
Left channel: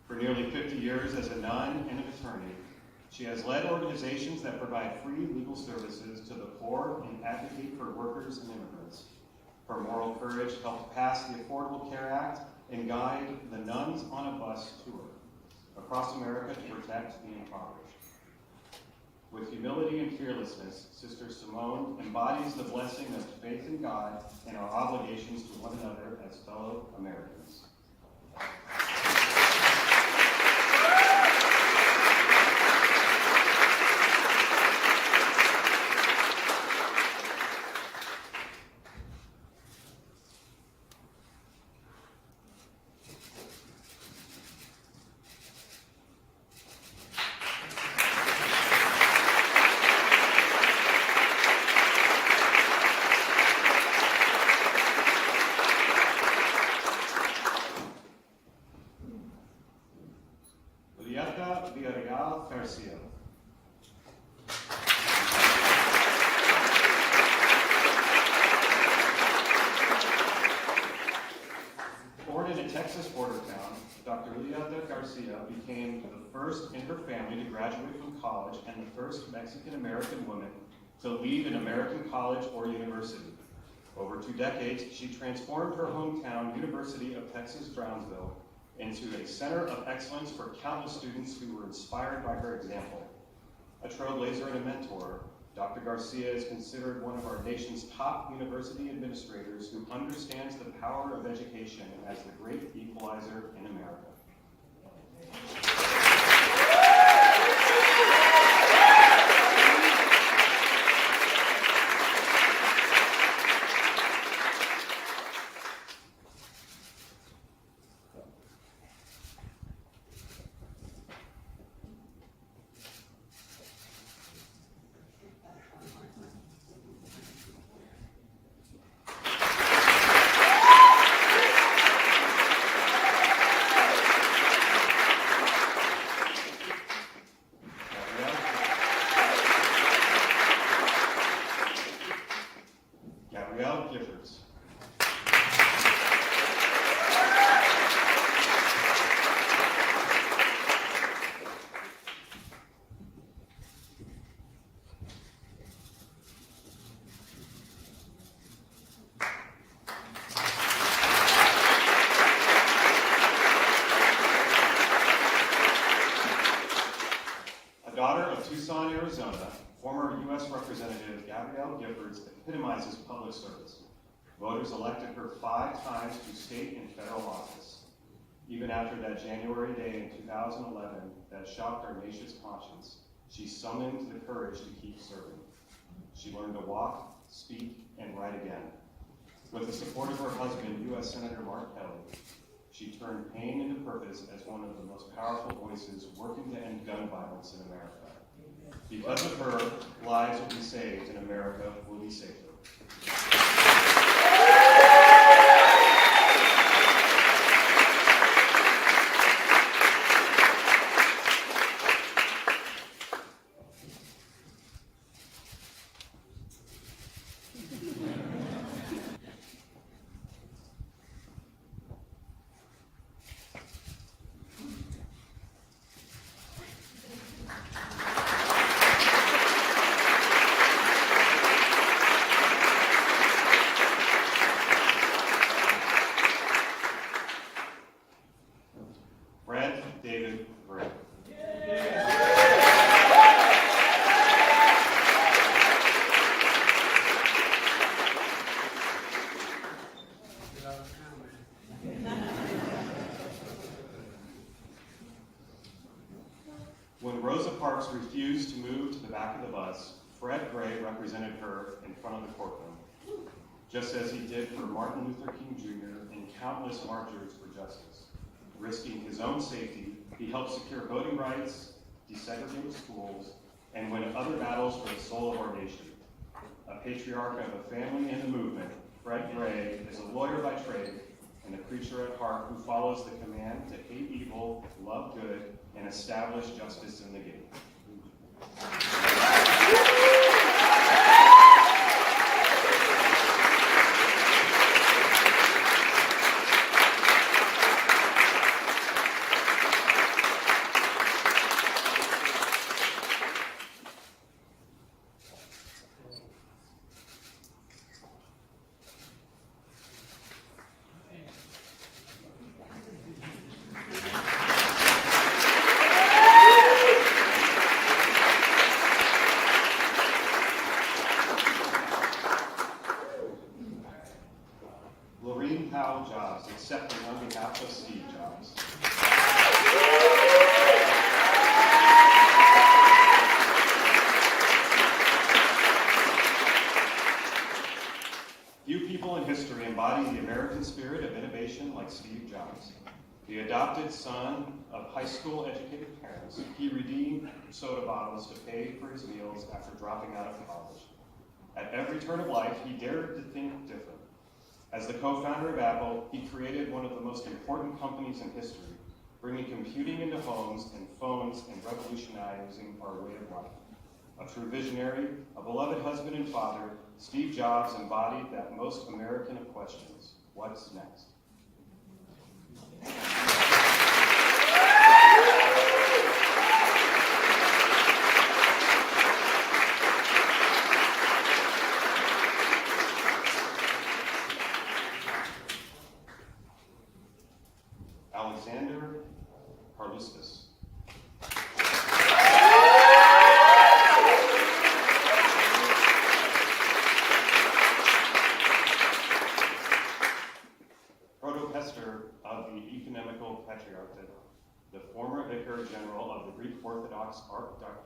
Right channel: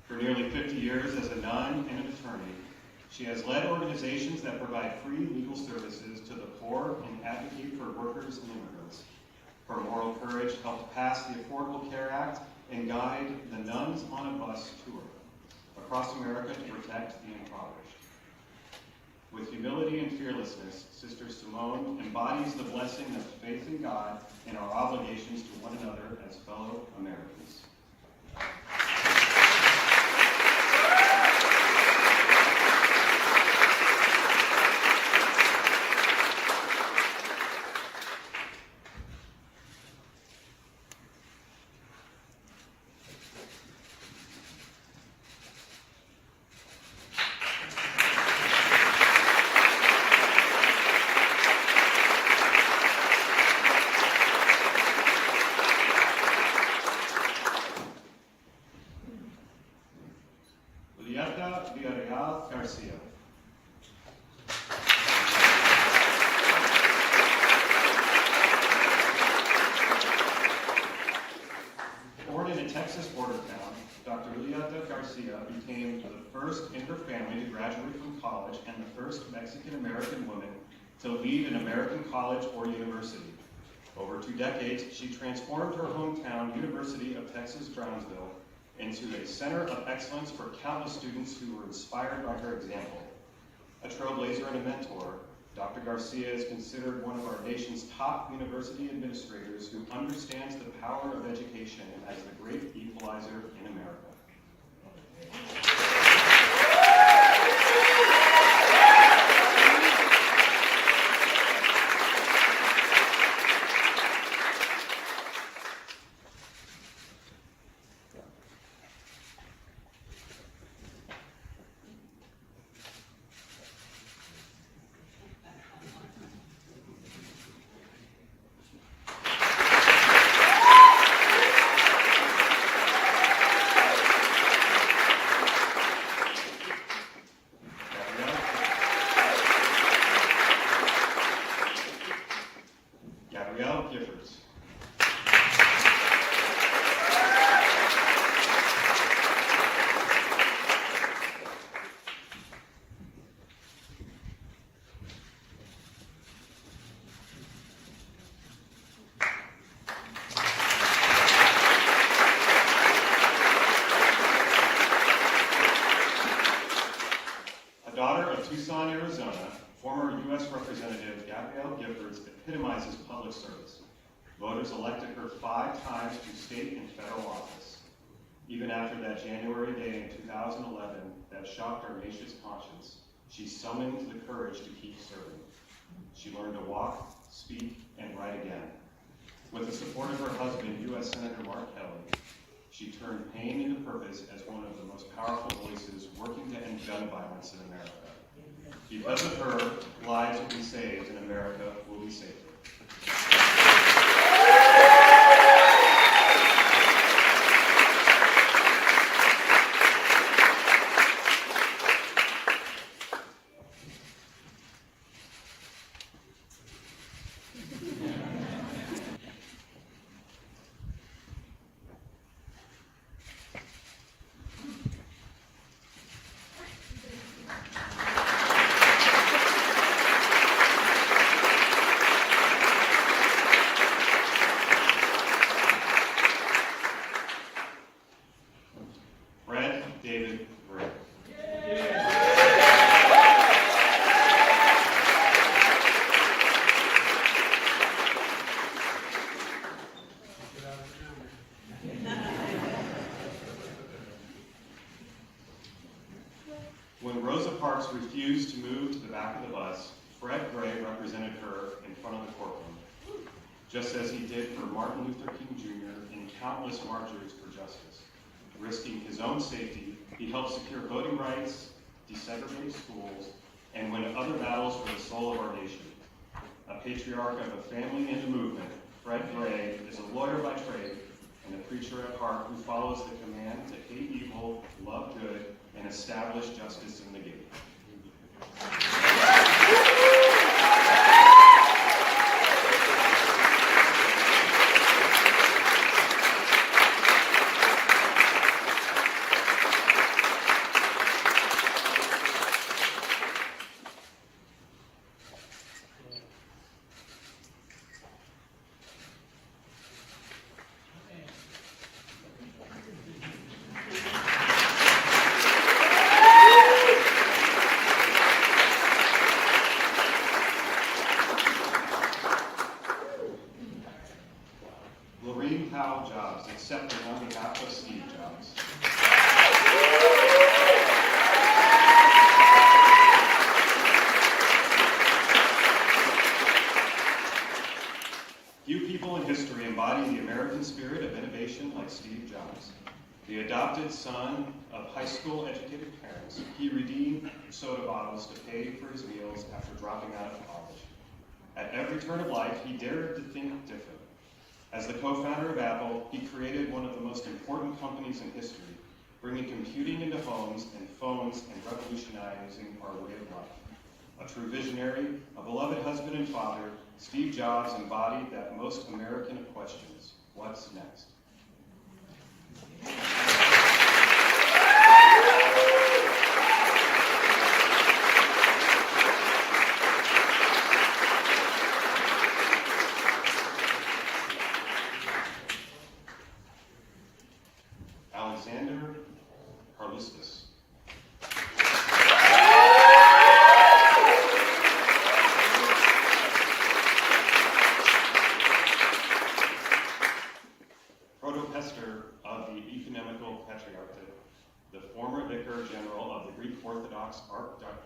For nearly 50 years as a nun and an attorney, she has led organizations that provide free legal services to the poor and advocate for workers and immigrants. Her moral courage helped pass the Affordable Care Act and guide the Nuns on a Bus tour across America to protect the impoverished. With humility and fearlessness, Sister Simone embodies the blessing of faith in God and our obligations to one another as fellow Americans. Garcia. Born in a Texas border town, Dr. Julieta Garcia became the first in her family to graduate from college and the first Mexican-American woman to lead an American college or university. Over 2 decades, she transformed her hometown, University of Texas, Brownsville, into a center of excellence for countless students who were inspired by her example. A trailblazer and a mentor, Dr. Garcia is considered one of our nation's top university administrators who understands the power of education as the great equalizer in America. Daughter of Tucson, Arizona, former U.S. Representative Gabrielle Giffords epitomizes public service. Voters elected her 5 times to state and federal office. Even after that January day in 2011 that shocked our nation's conscience, she summoned the courage to keep serving. She learned to walk, speak, and write again. With the support of her husband, U.S. Senator Mark Kelly, she turned pain into purpose as one of the most powerful voices working to end gun violence in America. Because of her, lives will be saved and America will be safer. represented her in front of the courtroom, just as he did for Martin Luther King Jr. and countless marchers for justice. Risking his own safety, he helped secure voting rights, desegregate schools, and win other battles for the soul of our nation. A patriarch of a family and a movement, Fred Gray is a lawyer by trade and a preacher at heart who follows the command to hate evil, love good, and establish justice in the game. Jobs, accepting on behalf of Steve Jobs. Few people in history embody the American spirit of innovation like Steve Jobs. The adopted son of high school educated parents, he redeemed soda bottles to pay for his meals after dropping out of college. At every turn of life, he dared to think different. As the co-founder of Apple, he created one of the most important companies in history, bringing computing into homes and phones and revolutionizing our way of life. A true visionary, a beloved husband and father, Steve Jobs embodied that most American of questions: what's next?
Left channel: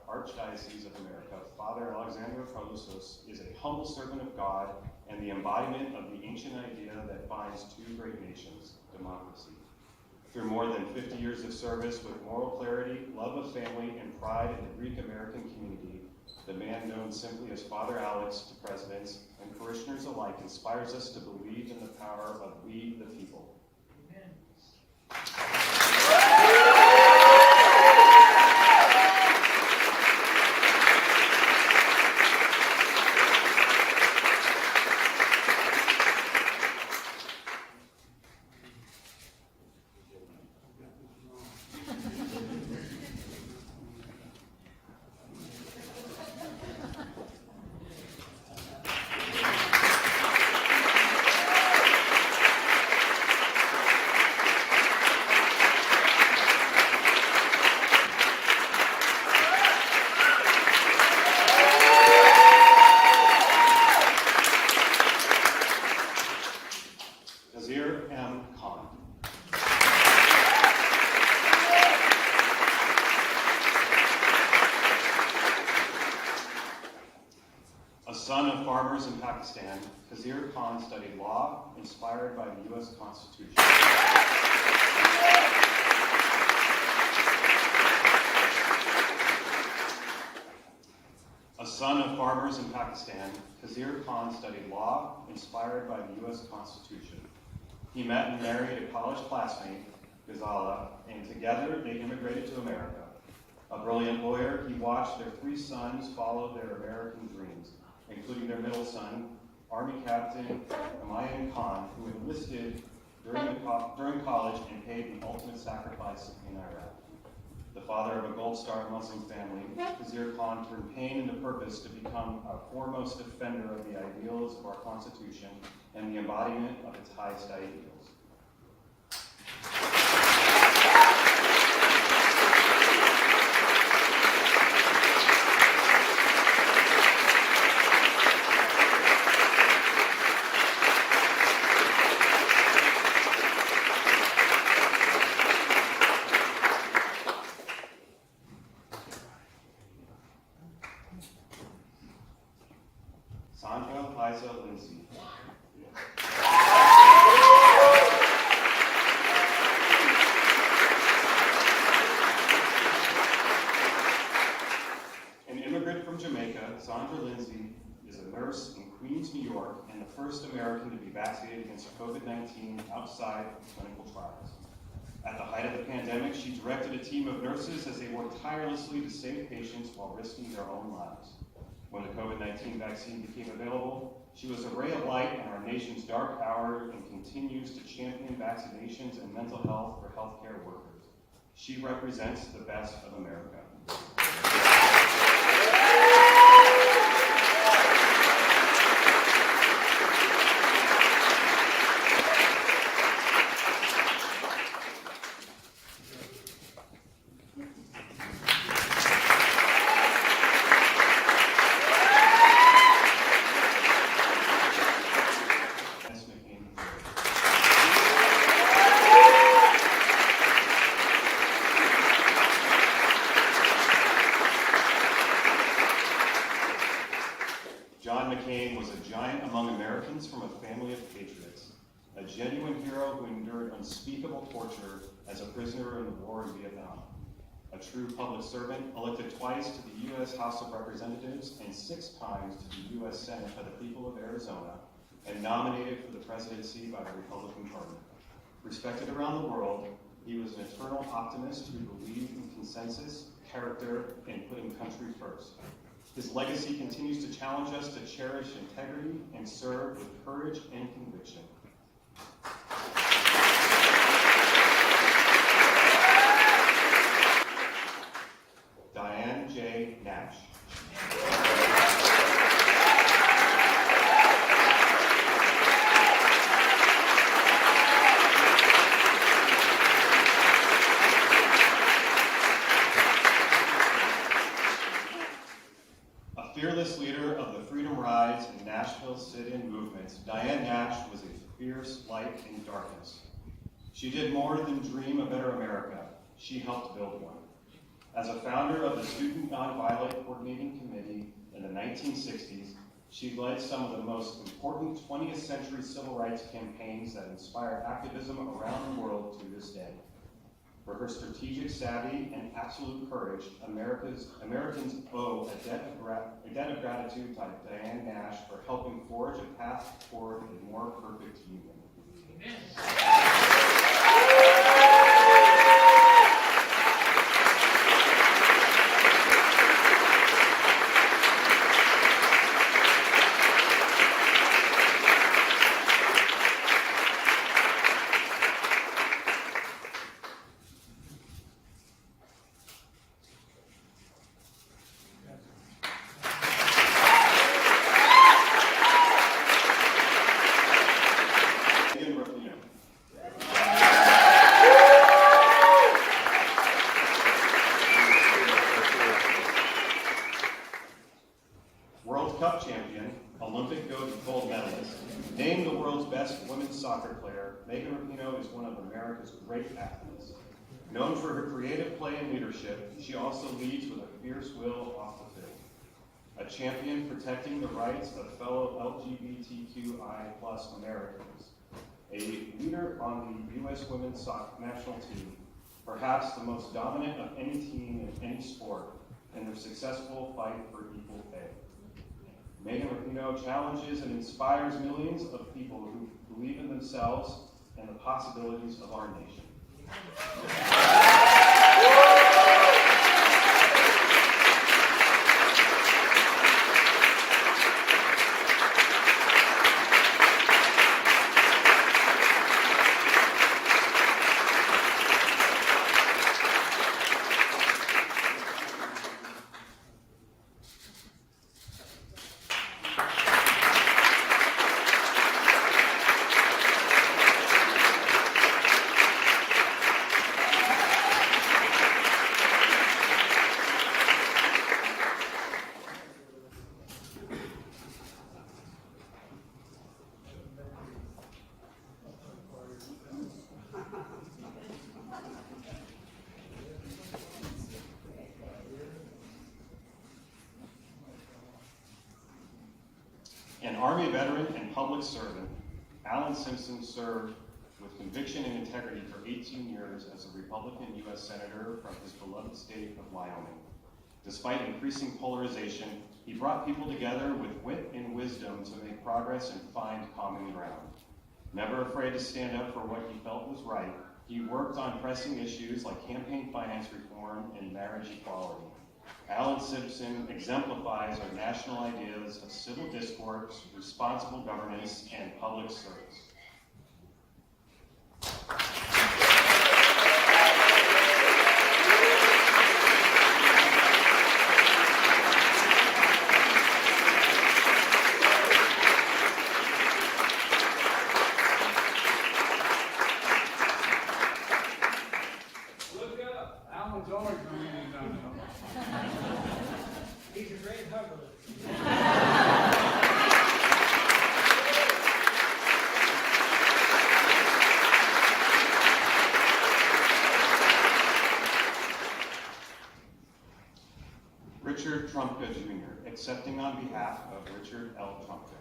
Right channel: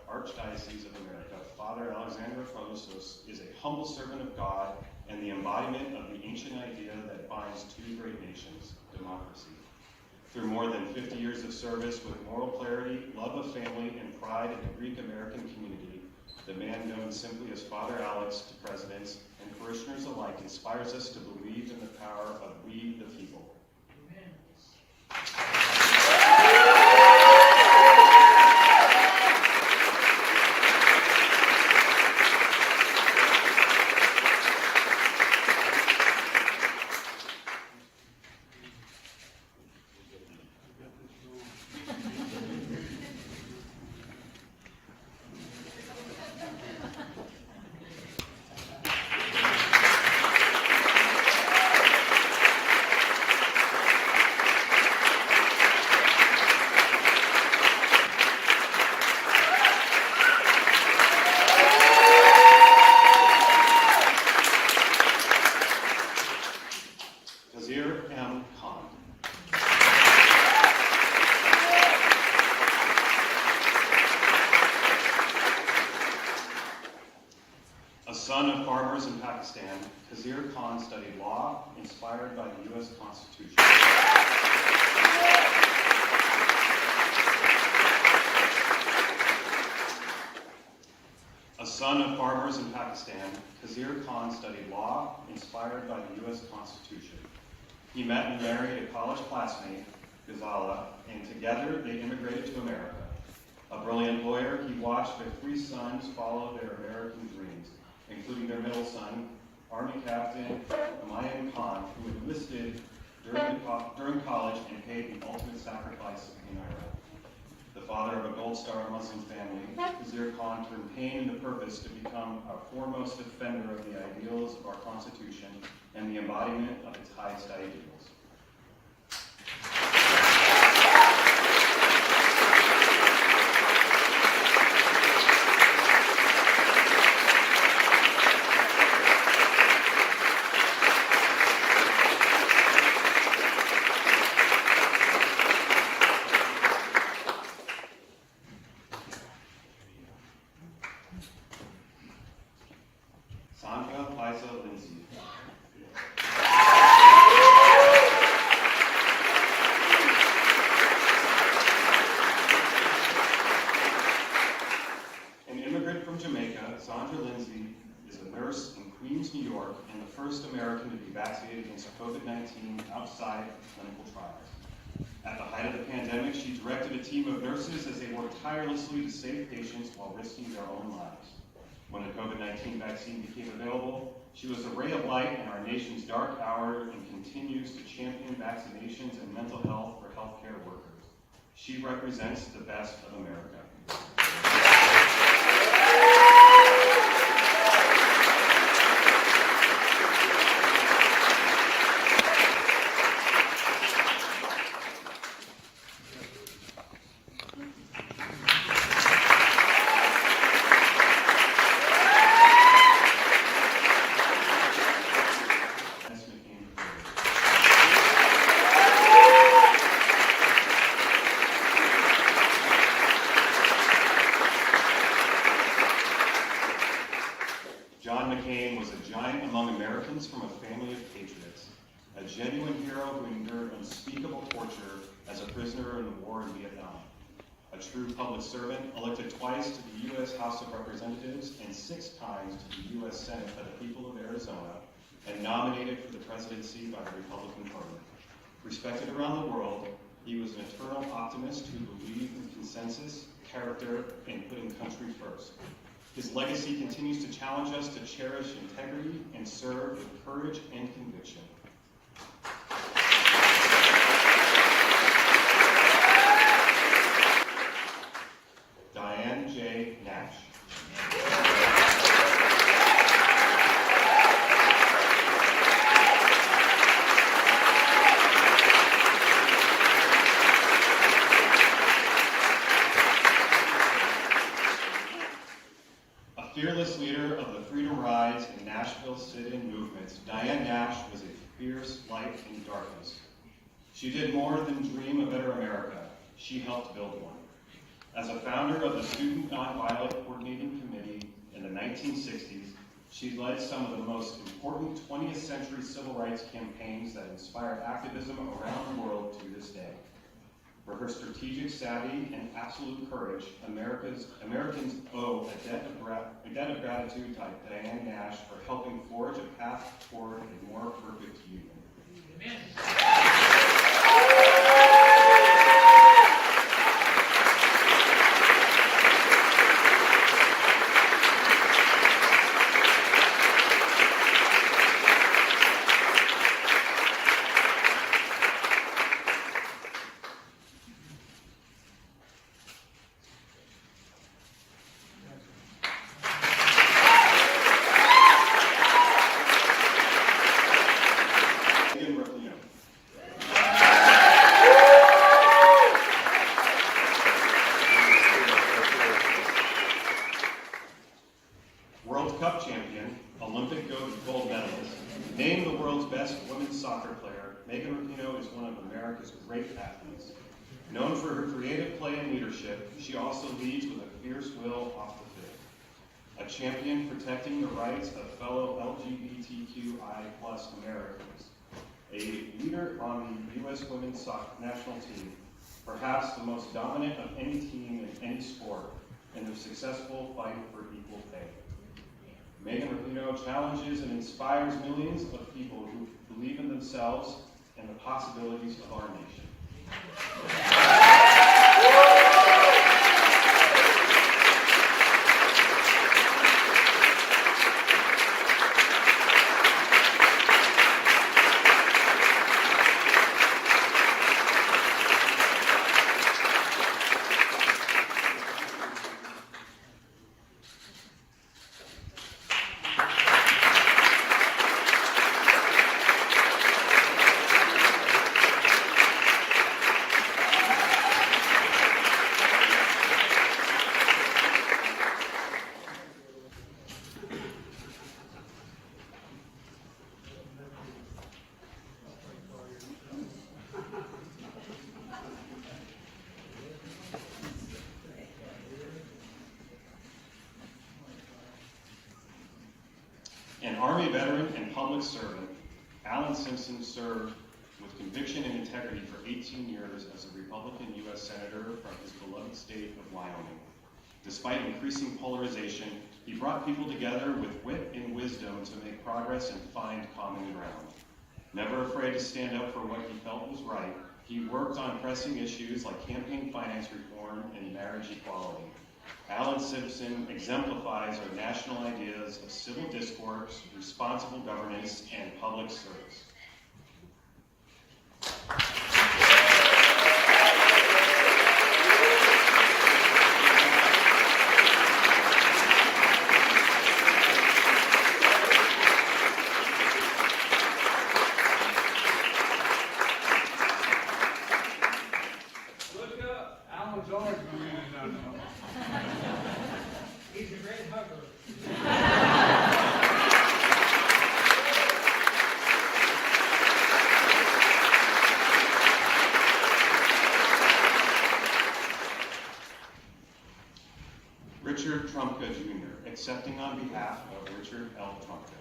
Archdiocese of America, Father Alexander Parlousos is a humble servant of God and the embodiment of the ancient idea that binds two great nations, democracy. Through more than 50 years of service with moral clarity, love of family, and pride in the Greek-American community, the man known simply as Father Alex to presidents and parishioners alike inspires us to believe in the power of we the people. Amen. Son of farmers in Pakistan, Kazir Khan studied law inspired by the U.S. Constitution. A son of farmers in Pakistan, Kazir Khan studied law inspired by the U.S. Constitution. He met and married a college classmate, Ghazala, and together they immigrated to America. A brilliant lawyer, he watched their 3 sons follow their American dreams, including their middle son, Army Captain Humayun Khan, who enlisted during college and paid the ultimate sacrifice in Iraq. The father of a Gold Star Muslim family, Kazir Khan turned pain into purpose to become a foremost defender of the ideals of our Constitution and the embodiment of its highest ideals. Sandra Liza Lindsay. An immigrant from Jamaica, Sandra Lindsay is a nurse in Queens, New York, and the first American to be vaccinated against COVID-19 outside of clinical trials. At the height of the pandemic, she directed a team of nurses as they worked tirelessly to save patients while risking their own lives. When the COVID-19 vaccine became available, she was a ray of light in our nation's dark hour and continues to champion vaccinations and mental health for healthcare workers. She represents the best of America. John McCain was a giant among Americans from a family of patriots, a genuine hero who endured unspeakable torture as a prisoner in the war in Vietnam, a true public servant elected twice to the U.S. House of Representatives and 6 times to the U.S. Senate by the people of Arizona, and nominated for the presidency by the Republican Party. Respected around the world, he was an eternal optimist who believed in consensus, character, and putting country first. His legacy continues to challenge us to cherish integrity and serve with courage and conviction. Diane J. Nash. Fearless leader of the freedom rides and Nashville sit-in movements, Diane Nash was a fierce light in darkness. She did more than dream a better America. She helped build one. As a founder of the Student Nonviolent Coordinating Committee in the 1960s, she led some of the most important 20th century civil rights campaigns that inspire activism around the world to this day. For her strategic savvy and absolute courage, Americans owe a debt of gratitude to Diane Nash for helping forge a path toward a more perfect union. Amen. World Cup champion, Olympic gold medalist, named the world's best women's soccer player, Megan Rapinoe is one of America's great athletes. Known for her creative play and leadership, she also leads with a fierce will off the field. A champion protecting the rights of fellow LGBTQI+ Americans. A leader on the U.S. women's national team, perhaps the most dominant of any team in any sport, in their successful fight for equal pay. Megan Rapinoe challenges and inspires millions of people who believe in themselves and the possibilities of our nation. An Army veteran and public servant, Alan Simpson served with conviction and integrity for 18 years as a Republican U.S. Senator from his beloved state of Wyoming. Despite increasing polarization, he brought people together with wit and wisdom to make progress and find common ground. Never afraid to stand up for what he felt was right, he worked on pressing issues like campaign finance reform and marriage equality. Alan Simpson exemplifies our national ideas of civil discourse, responsible governance, and public service. Look up. Alan's always going to do that. He's a great hugger. Richard Trumka Jr., accepting on behalf of Richard L. Trumka.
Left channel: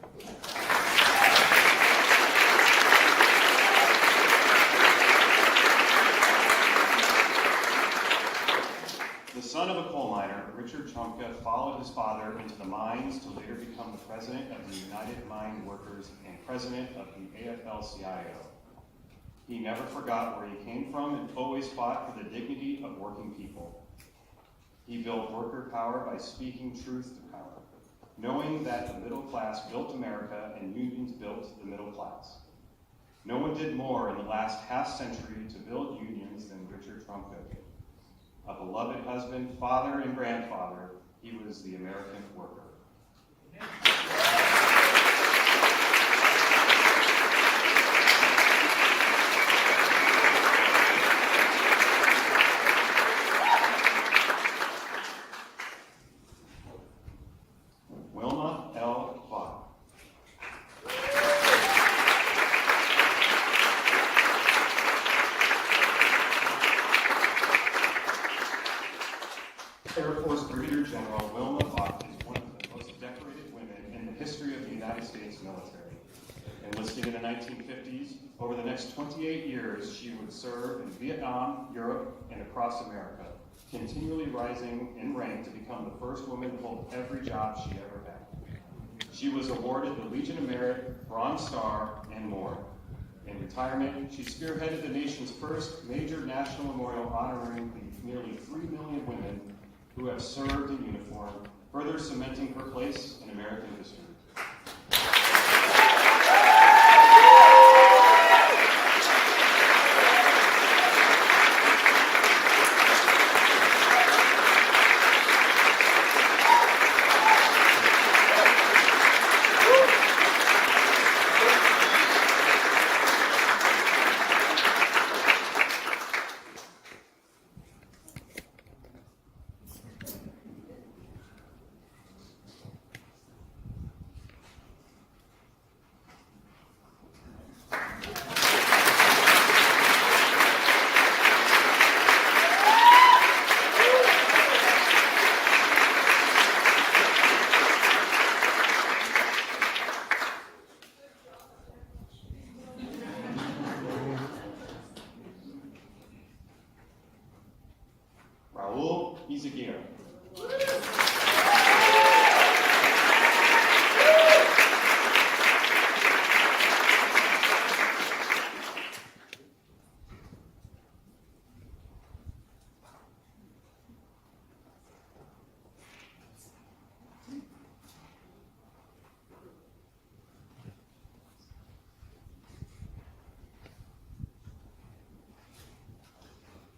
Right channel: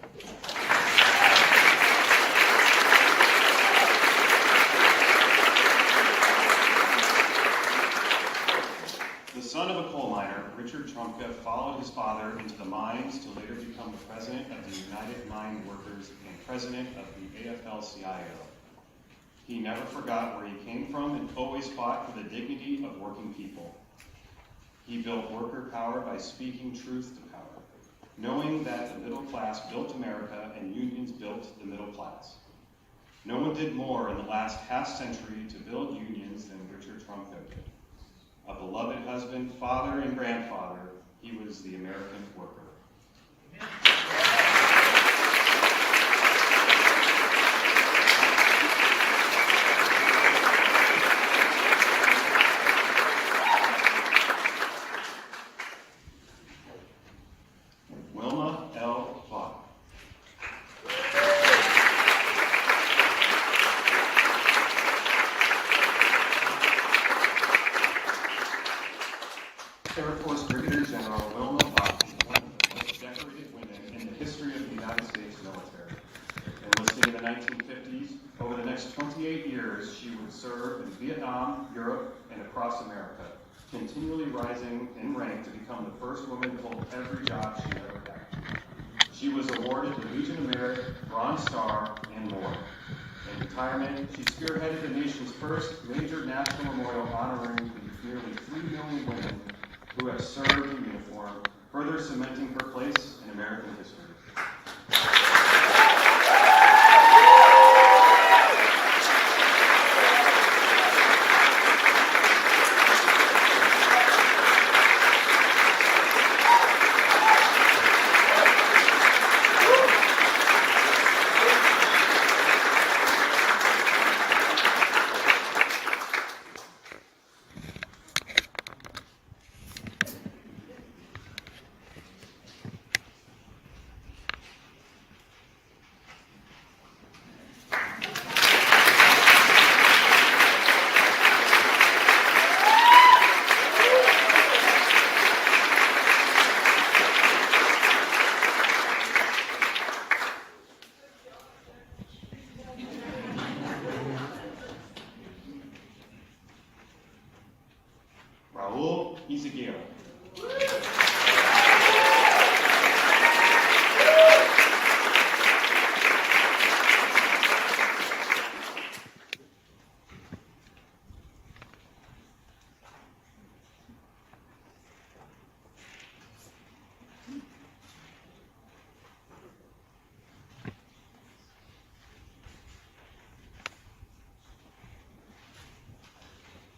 The son of a coal miner, Richard Trumka followed his father into the mines to later become the president of the United Mine Workers and president of the AFL-CIO. He never forgot where he came from and always fought for the dignity of working people. He built worker power by speaking truth to power, knowing that the middle class built America and unions built the middle class. No one did more in the last half-century to build unions than Richard Trumka did. A beloved husband, father, and grandfather, he was the American worker. Wilma L. Vaughn. Air Force Brigadier General Wilma Vaughn is one of the most decorated women in the history of the United States military. Enlisting in the 1950s, over the next 28 years, she would serve in Vietnam, Europe, and across America, continually rising in rank to become the first woman to hold every job she ever had. She was awarded the Legion of Merit, Bronze Star, and more. In retirement, she spearheaded the nation's first major national memorial honoring the nearly 3 million women who have served in uniform, further cementing her place in American history.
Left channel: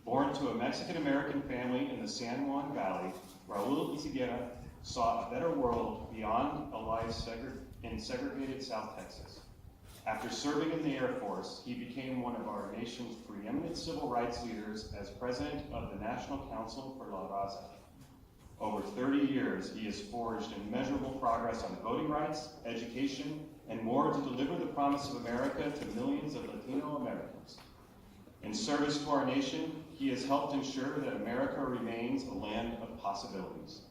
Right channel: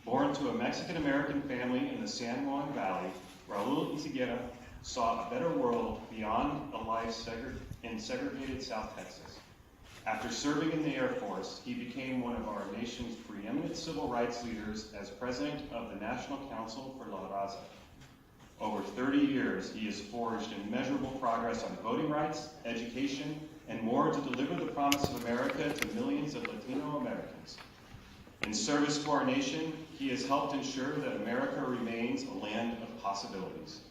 Born to a Mexican-American family in the San Juan Valley, Raul Izaguirre saw a better world beyond a life in segregated South Texas. After serving in the Air Force, he became one of our nation's preeminent civil rights leaders as president of the National Council for La Raza. Over 30 years, he has forged immeasurable progress on voting rights, education, and more to deliver the promise of America to millions of Latino Americans. In service to our nation, he has helped ensure that America remains a land of possibilities.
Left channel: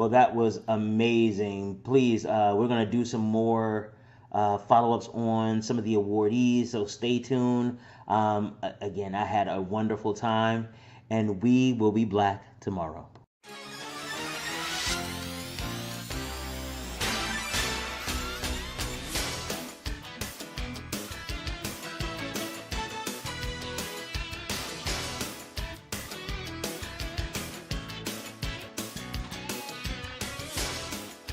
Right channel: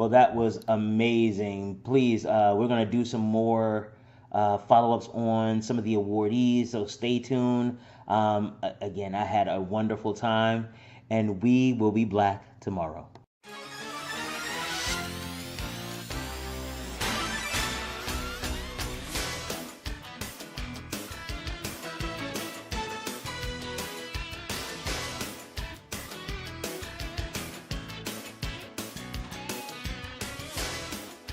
Well, that was amazing. Please, we're going to do some more follow-ups on some of the awardees, so stay tuned. Again, I had a wonderful time, and we will be black tomorrow.